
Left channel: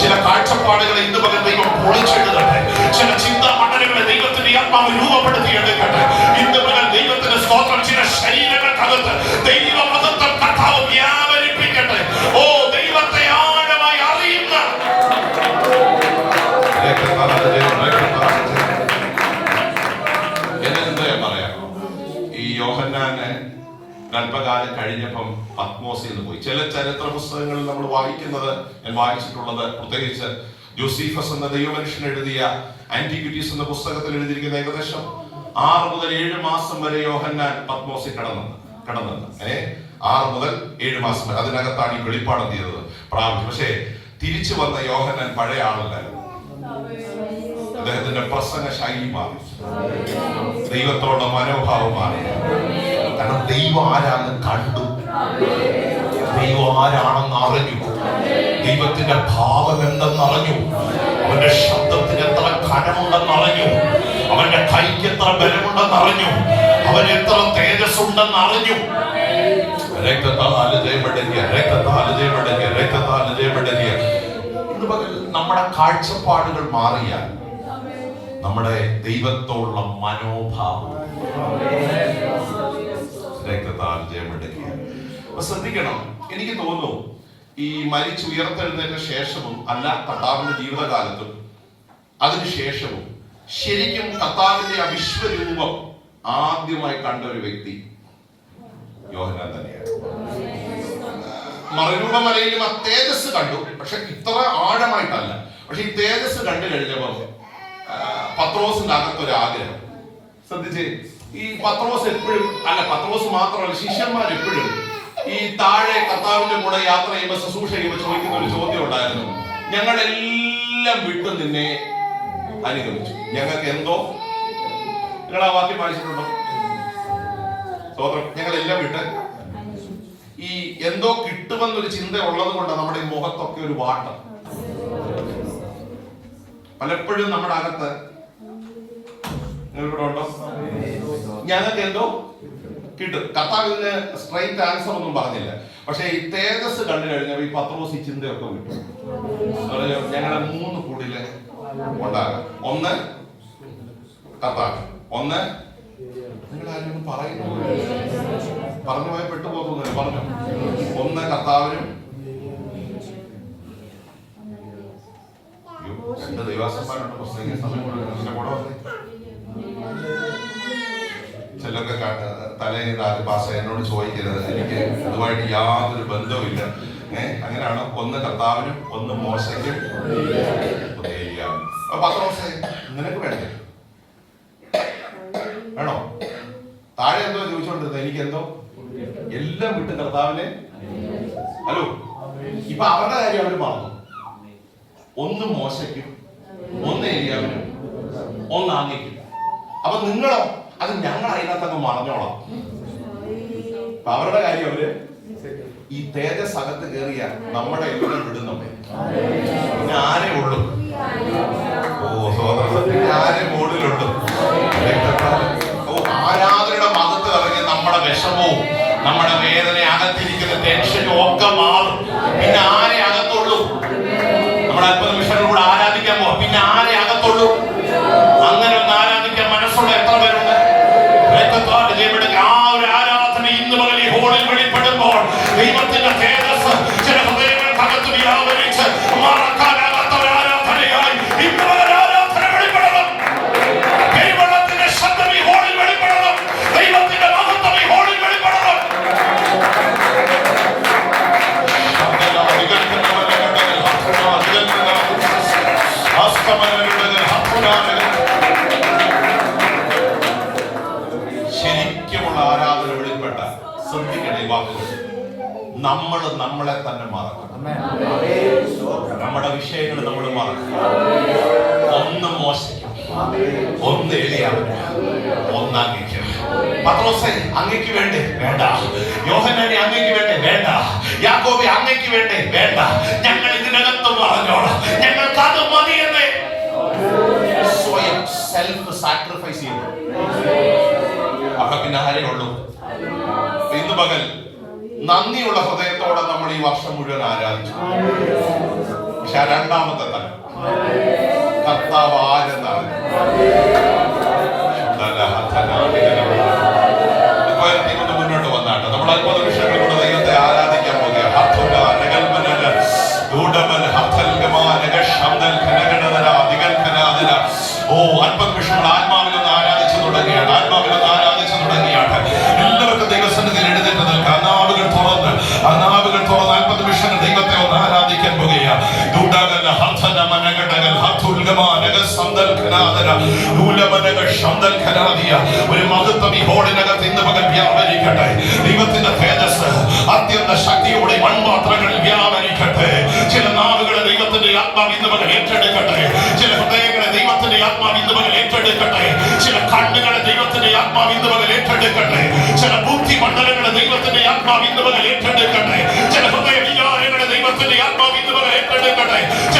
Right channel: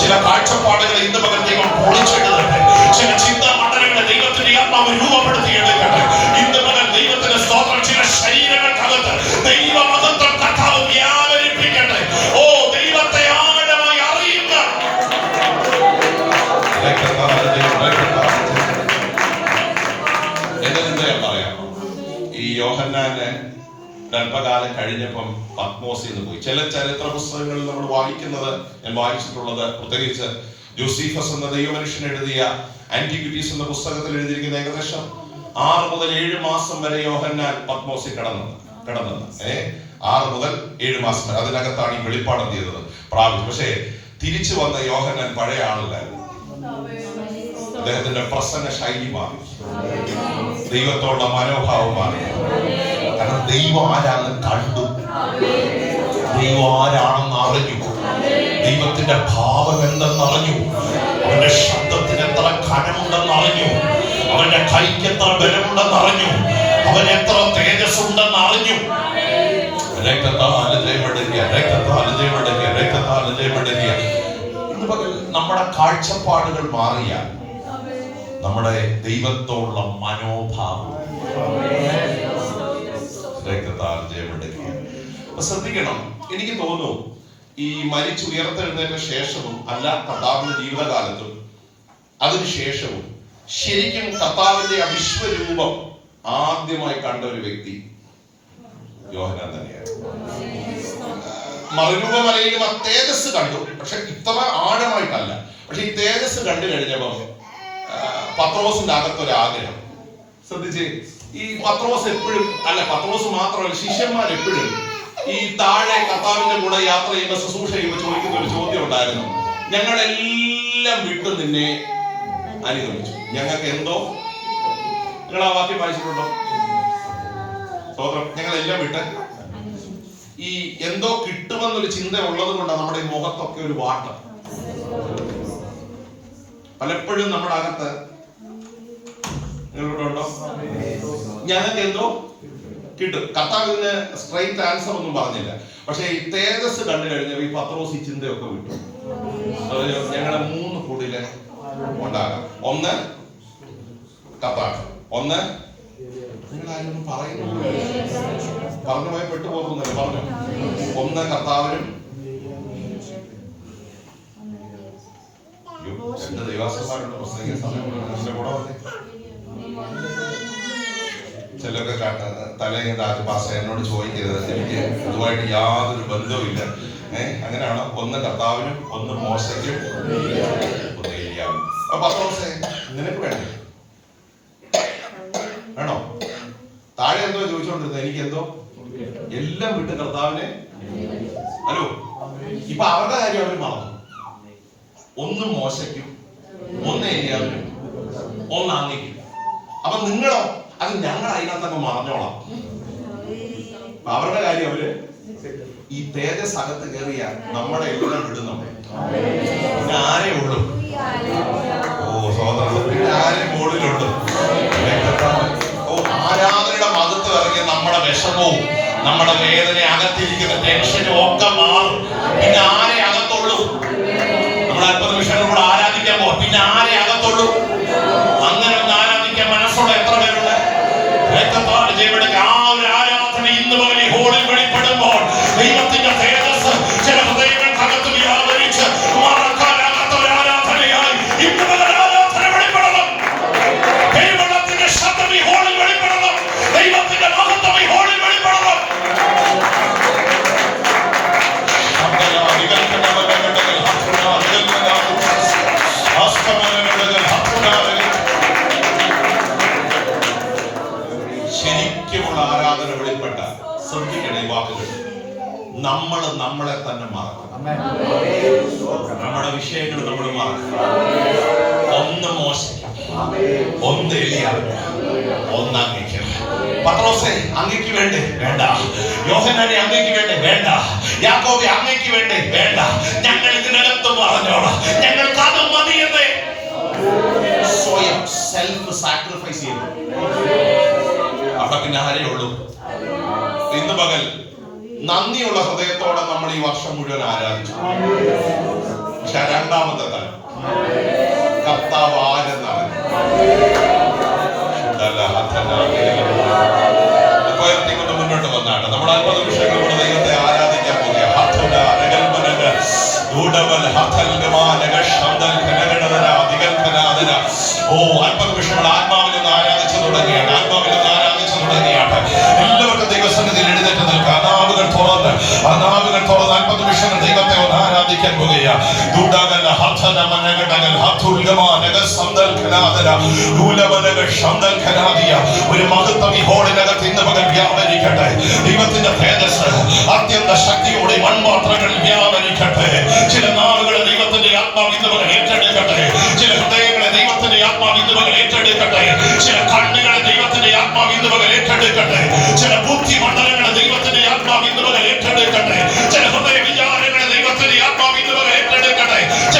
ചില കാഴ്ചപ്പാടുകളെ ഇന്ന് പകൽ ദൈവം പൊളിച്ചെടുക്കട്ടെ. ചില ചിന്താ മണ്ഡലങ്ങളെ ദൈവത്തിന്റെ ആത്മാവ് രൂപപ്പെടുത്തിയെടുക്കട്ടെ. ഇന്ന് പകൽ ദൈവത്തിന്റെ സ്തോത്രം. ചില ശരീരങ്ങൾക്കകത്ത് ദൈവമഹത്വം കർത്താവ് വ്യാപരിപ്പിക്കട്ടെ. ഓ, ദൈവത്തെ ആഴമായി അറിയുക. എന്താ പറയാം, ഈ യോഹന്നാന് അല്പകാലം കഴിഞ്ഞപ്പം പത്മോസിൽ നിന്ന് പോയി. ചില ചരിത്ര പുസ്തകങ്ങളിൽ നമ്മൾ വായിക്കുന്നത്, ഞാൻ വായിച്ചിട്ടുള്ളത്, പ്രത്യേകിച്ച് ജോസീഫസ് എന്ന ദൈവമനുഷ്യൻ എഴുതിയ ആന്റിക്വിറ്റീസ് എന്ന പുസ്തകത്തിൽ എഴുതിയിരിക്കുന്ന ഏകദേശം 6 മുതൽ 7 മാസം വരെ യോഹന്നാൻ പത്മോസിൽ കിടന്നത് 6 മുതൽ 7 മാസം വരെ. അതിനകത്താണ് ഈ വെളിപ്പാട് ചെയ്തത്, പ്രാപിച്ചു. പക്ഷേ തിരിച്ചു വന്ന യോഹന്നാൻ പഴയ ആളല്ലായിരുന്നു. അദ്ദേഹത്തിന്റെ പ്രസംഗ ശൈലി മാറി, ദൈവത്തോടുള്ള മനോഭാവം മാറി. കാരണം ദൈവം ആരാന്ന് കണ്ടു, ദൈവം ആരാണെന്ന് അറിഞ്ഞു. ദൈവത്തിന്റെ ഭാവം എന്തെന്ന് അറിഞ്ഞു. അവന്റെ ശബ്ദത്തിന് എത്ര ഘനമുണ്ടെന്ന് അറിഞ്ഞു. അവന്റെ കൈക്ക് എത്ര ബലമുണ്ടെന്ന് അറിഞ്ഞു. അവൻ എത്ര തേജസ് ഉണ്ടെന്ന് അറിഞ്ഞു. നമ്മുടെ കാഴ്ചപ്പാടുകൾ മാറിയാൽ നമ്മുടെ ദൈവത്തോടുള്ള മനോഭാവം രക്തത്താൽ ജയമെടുക്കുക. ശ്രദ്ധിക്കണം, എനിക്ക് തോന്നുന്നു ഈ മരിച്ചുയർത്തെഴുന്നതിന് ശേഷവും അല്ല കർത്താവിന്റെ ജീവിതകാലത്തും അതിനുശേഷവും ശരിക്കും കർത്താവിന്റെ വിശ്വരൂപം ആദ്യമായി കണ്ട ഒരു വ്യക്തി യോഹന്നാൻ തന്നെയാണ്. മറുരൂപമലയിലും ആ തേജസ് കണ്ടു, പക്ഷെ ഇത്ര ആഴമായിട്ടല്ല. പക്ഷെ ഈ തേജസ് കണ്ടു കഴിഞ്ഞപ്പം പത്രോസിന്റെ അകത്തൊരാഗ്രഹം. ശ്രദ്ധിച്ച്, ഈ പത്രോസ് എപ്പോഴും അല്ല, പത്രോസ് മാത്രമല്ല, ശിഷ്യന്മാർ എപ്പോഴും ഈ താഴെ കർത്താവിന്റെ കൂടെ യാത്ര ചെയ്യുമ്പോൾ ശുശ്രൂഷ ചെയ്യുമ്പോൾ ചോദിക്കുന്ന ഒരു ചോദ്യം ഉണ്ടായിരുന്നു. ഞങ്ങളെല്ലാം വിട്ടു നിന്നെ അനുഗമിച്ചു, ഞങ്ങൾക്ക് എന്തോ, നിങ്ങൾ ആ വാക്യം വായിച്ചിട്ടുണ്ടോ? ഞങ്ങളെല്ലാം വിട്ട് ഈ എന്തോ കിട്ടുമെന്നൊരു ചിന്ത ഉള്ളത് കൊണ്ടാണ് നമ്മുടെ ഈ മുഖത്തൊക്കെ ഒരു വാട്ടം. പലപ്പോഴും നമ്മുടെ അകത്ത് നിങ്ങളിവിടെ ഉണ്ടോ? ഞങ്ങൾക്ക് എന്തോ കിട്ടും. കർത്താവിന് സ്ട്രൈറ്റ് ആൻസർ ഒന്നും പറഞ്ഞില്ല. പക്ഷെ ഈ തേജസ് കണ്ടു കഴിഞ്ഞപ്പോൾ ഈ പത്രോസ് ഈ ചിന്തയൊക്കെ വിട്ടു. ഞങ്ങളെ 3 കൂടില് ഉണ്ടാകാം. ഒന്ന് കർത്താവ്, ഒന്ന് നിങ്ങളാരും പറയുന്നു പറഞ്ഞു പോയി പെട്ടുപോകുന്നില്ല. പറഞ്ഞു, ഒന്ന് കർത്താവിനും എന്റെ ദൈവാസന്മാരുണ്ട് പുസ്തക സമയം കൂടെ ചിലർക്ക് തലേന്ന് രാജപാസ എന്നോട് ചോദിക്കരുത്, എനിക്ക് ഇതുമായിട്ട് യാതൊരു ബന്ധവുമില്ല. അങ്ങനെയാണ്. ഒന്ന് കർത്താവിനും ഒന്ന് മോശയ്ക്കും ഒന്ന് ഏലിയാവിനും. പത്രോസേ, നിനക്ക് വേണ്ടേ? വേണോ? താഴെ എന്തോ ചോദിച്ചോണ്ടിരുന്നത്, എനിക്കെന്തോ എല്ലാം വിട്ട് കർത്താവിനെ. ഹലോ, ഇപ്പൊ അവരുടെ കാര്യം അവര് മറന്നു. ഒന്ന് മോശയ്ക്കും ഒന്ന് ഏലിയാവിനും ഒന്ന് അങ്ങയ്ക്കും. അപ്പൊ നിങ്ങളോ? അത് ഞങ്ങൾ അതിനകത്തൊക്കെ മറന്നോളാം. അവരുടെ കാര്യം അവര് ഈ തേജസ് അകത്ത് കയറിയ നമ്മുടെ എല്ലാം വിടുന്നു. പിന്നെ ആരെ ഉള്ളു? ആരെ മുകളിലുണ്ട്? ആരാധനയുടെ മതത്തിൽ ഇറങ്ങി നമ്മുടെ വിഷമവും നമ്മുടെ വേദന അകത്തിരിക്കുന്ന ടെൻഷനും ഒക്കെ മാറും. പിന്നെ ആരെ അകത്തുള്ളൂ? നമ്മുടെ അല്പ നിമിഷങ്ങളിലൂടെ ആരാധിക്കാൻ പോകും. പിന്നെ ആരെ അകത്തുള്ളൂ? അങ്ങനെ ഒന്ന് ആരാധിക്കാൻ മനസ്സുള്ള എത്ര പേരുണ്ട്? ആ ഒരു ആരാധന ഇന്ന് മുതൽ ഈ ഹോളിൽ വെളിപ്പെടുമ്പോൾ ദൈവത്തിന്റെ തേജസ് ചില ഹൃദയങ്ങൾക്കകത്ത് വ്യാപരിച്ച് മറക്കാനാകാത്ത ഒരു ആരാധനയായി ഇന്ന് മുതൽ ആരാധന വെളിപ്പെടണം. ദൈവത്തിന്റെ ശബ്ദം ഈ ഹോളിൽ വെളിപ്പെടണം. ദൈവത്തിന്റെ മഹത്വം ഈ ഹോളിൽ വെളിപ്പെടണം. ശരിക്കുമുള്ള ആരാധന വെളിപ്പെട്ട ശ്രദ്ധിക്കണ ഈ വാക്കുകൾ. നമ്മൾ നമ്മളെ തന്നെ മറക്കണം. നമ്മുടെ വിഷയങ്ങൾ നമ്മൾ മറക്കണം. ഒന്ന് മോശയ്ക്കും ഒന്ന് ഏലിയാവിനും ഒന്ന് അങ്ങയ്ക്ക്. പത്രോസേ, അങ്ങയ്ക്ക് വേണ്ടേ? വേണ്ട. യോഹന്നാനെ, അങ്ങയ്ക്ക് വേണ്ടേ? വേണ്ട. യാക്കോബേ, അങ്ങയ്ക്ക് വേണ്ടേ? വേണ്ട. ഞങ്ങൾ ഇതിനകത്ത് പറഞ്ഞോളാം. ഞങ്ങൾക്ക് അത് മതിയെന്നേ സ്വയം സെൽഫ് സാക്രിഫൈസ് ചെയ്യുന്നു. അവിടെ പിന്നെ ആരേ ഉള്ളൂ? ഇന്ന് പകൽ നന്ദിയുള്ള ഹൃദയത്തോടെ നമ്മൾ ഈ വർഷം മുഴുവൻ ആരാധിച്ചു. പക്ഷെ രണ്ടാമത്തെ തലം കർത്താവ് ആരെന്നാണ് മുന്നോട്ട് വന്നാണ്. നമ്മൾ 50 നിമിഷങ്ങളിലൂടെ ദൈവത്തെ ആരാധിക്കാൻ പോകുക. ഓ, 50 നിമിഷങ്ങൾ ആത്മാവിൽ നിന്ന് ആരാധിച്ചു തുടങ്ങിയാണ്. ആത്മാവിൽ നിന്ന് ആരാധിച്ചു തുടങ്ങിയാണ്. എല്ലാവർക്കും ദൈവസന്നിധിയിൽ എഴുന്നേറ്റ് നിൽക്കാം. അനാവുകൾ തുറന്ന് 50 നിമിഷങ്ങൾ ദൈവത്തെ ഒന്ന് ആരാധിക്കാൻ പോകുകയാണ്. ഒരു മഹത്വം ഈ ഹോളിനകത്ത് ഇന്ന് പകൽ വ്യാപരിക്കട്ടെ. ദൈവത്തിന്റെ തേജസ് അത്യന്ത ശക്തിയോടെ മൺപാത്രങ്ങളിൽ വ്യാപരിക്കട്ടെ. ചില നാളുകളെ ദൈവത്തിന്റെ ആത്മാവ് ഇന്ന് പകൽ ഏറ്റെടുക്കട്ടെ. ചില ഹൃദയങ്ങളെ ദൈവത്തിന്റെ ആത്മാവ് ഇന്ന് പകൽ ഏറ്റെടുക്കട്ടെ. ചില കണ്ണുകളെ ദൈവത്തിന്റെ ആത്മാവ് ഇന്ന് പകൽ ഏറ്റെടുക്കട്ടെ. ചില ബുദ്ധി മണ്ഡലങ്ങളെ ദൈവത്തിന്റെ ആത്മാവ് ഇന്ന് പകൽ ഏറ്റെടുക്കട്ടെ. ചില പ്രാർത്ഥിക്കട്ടെ.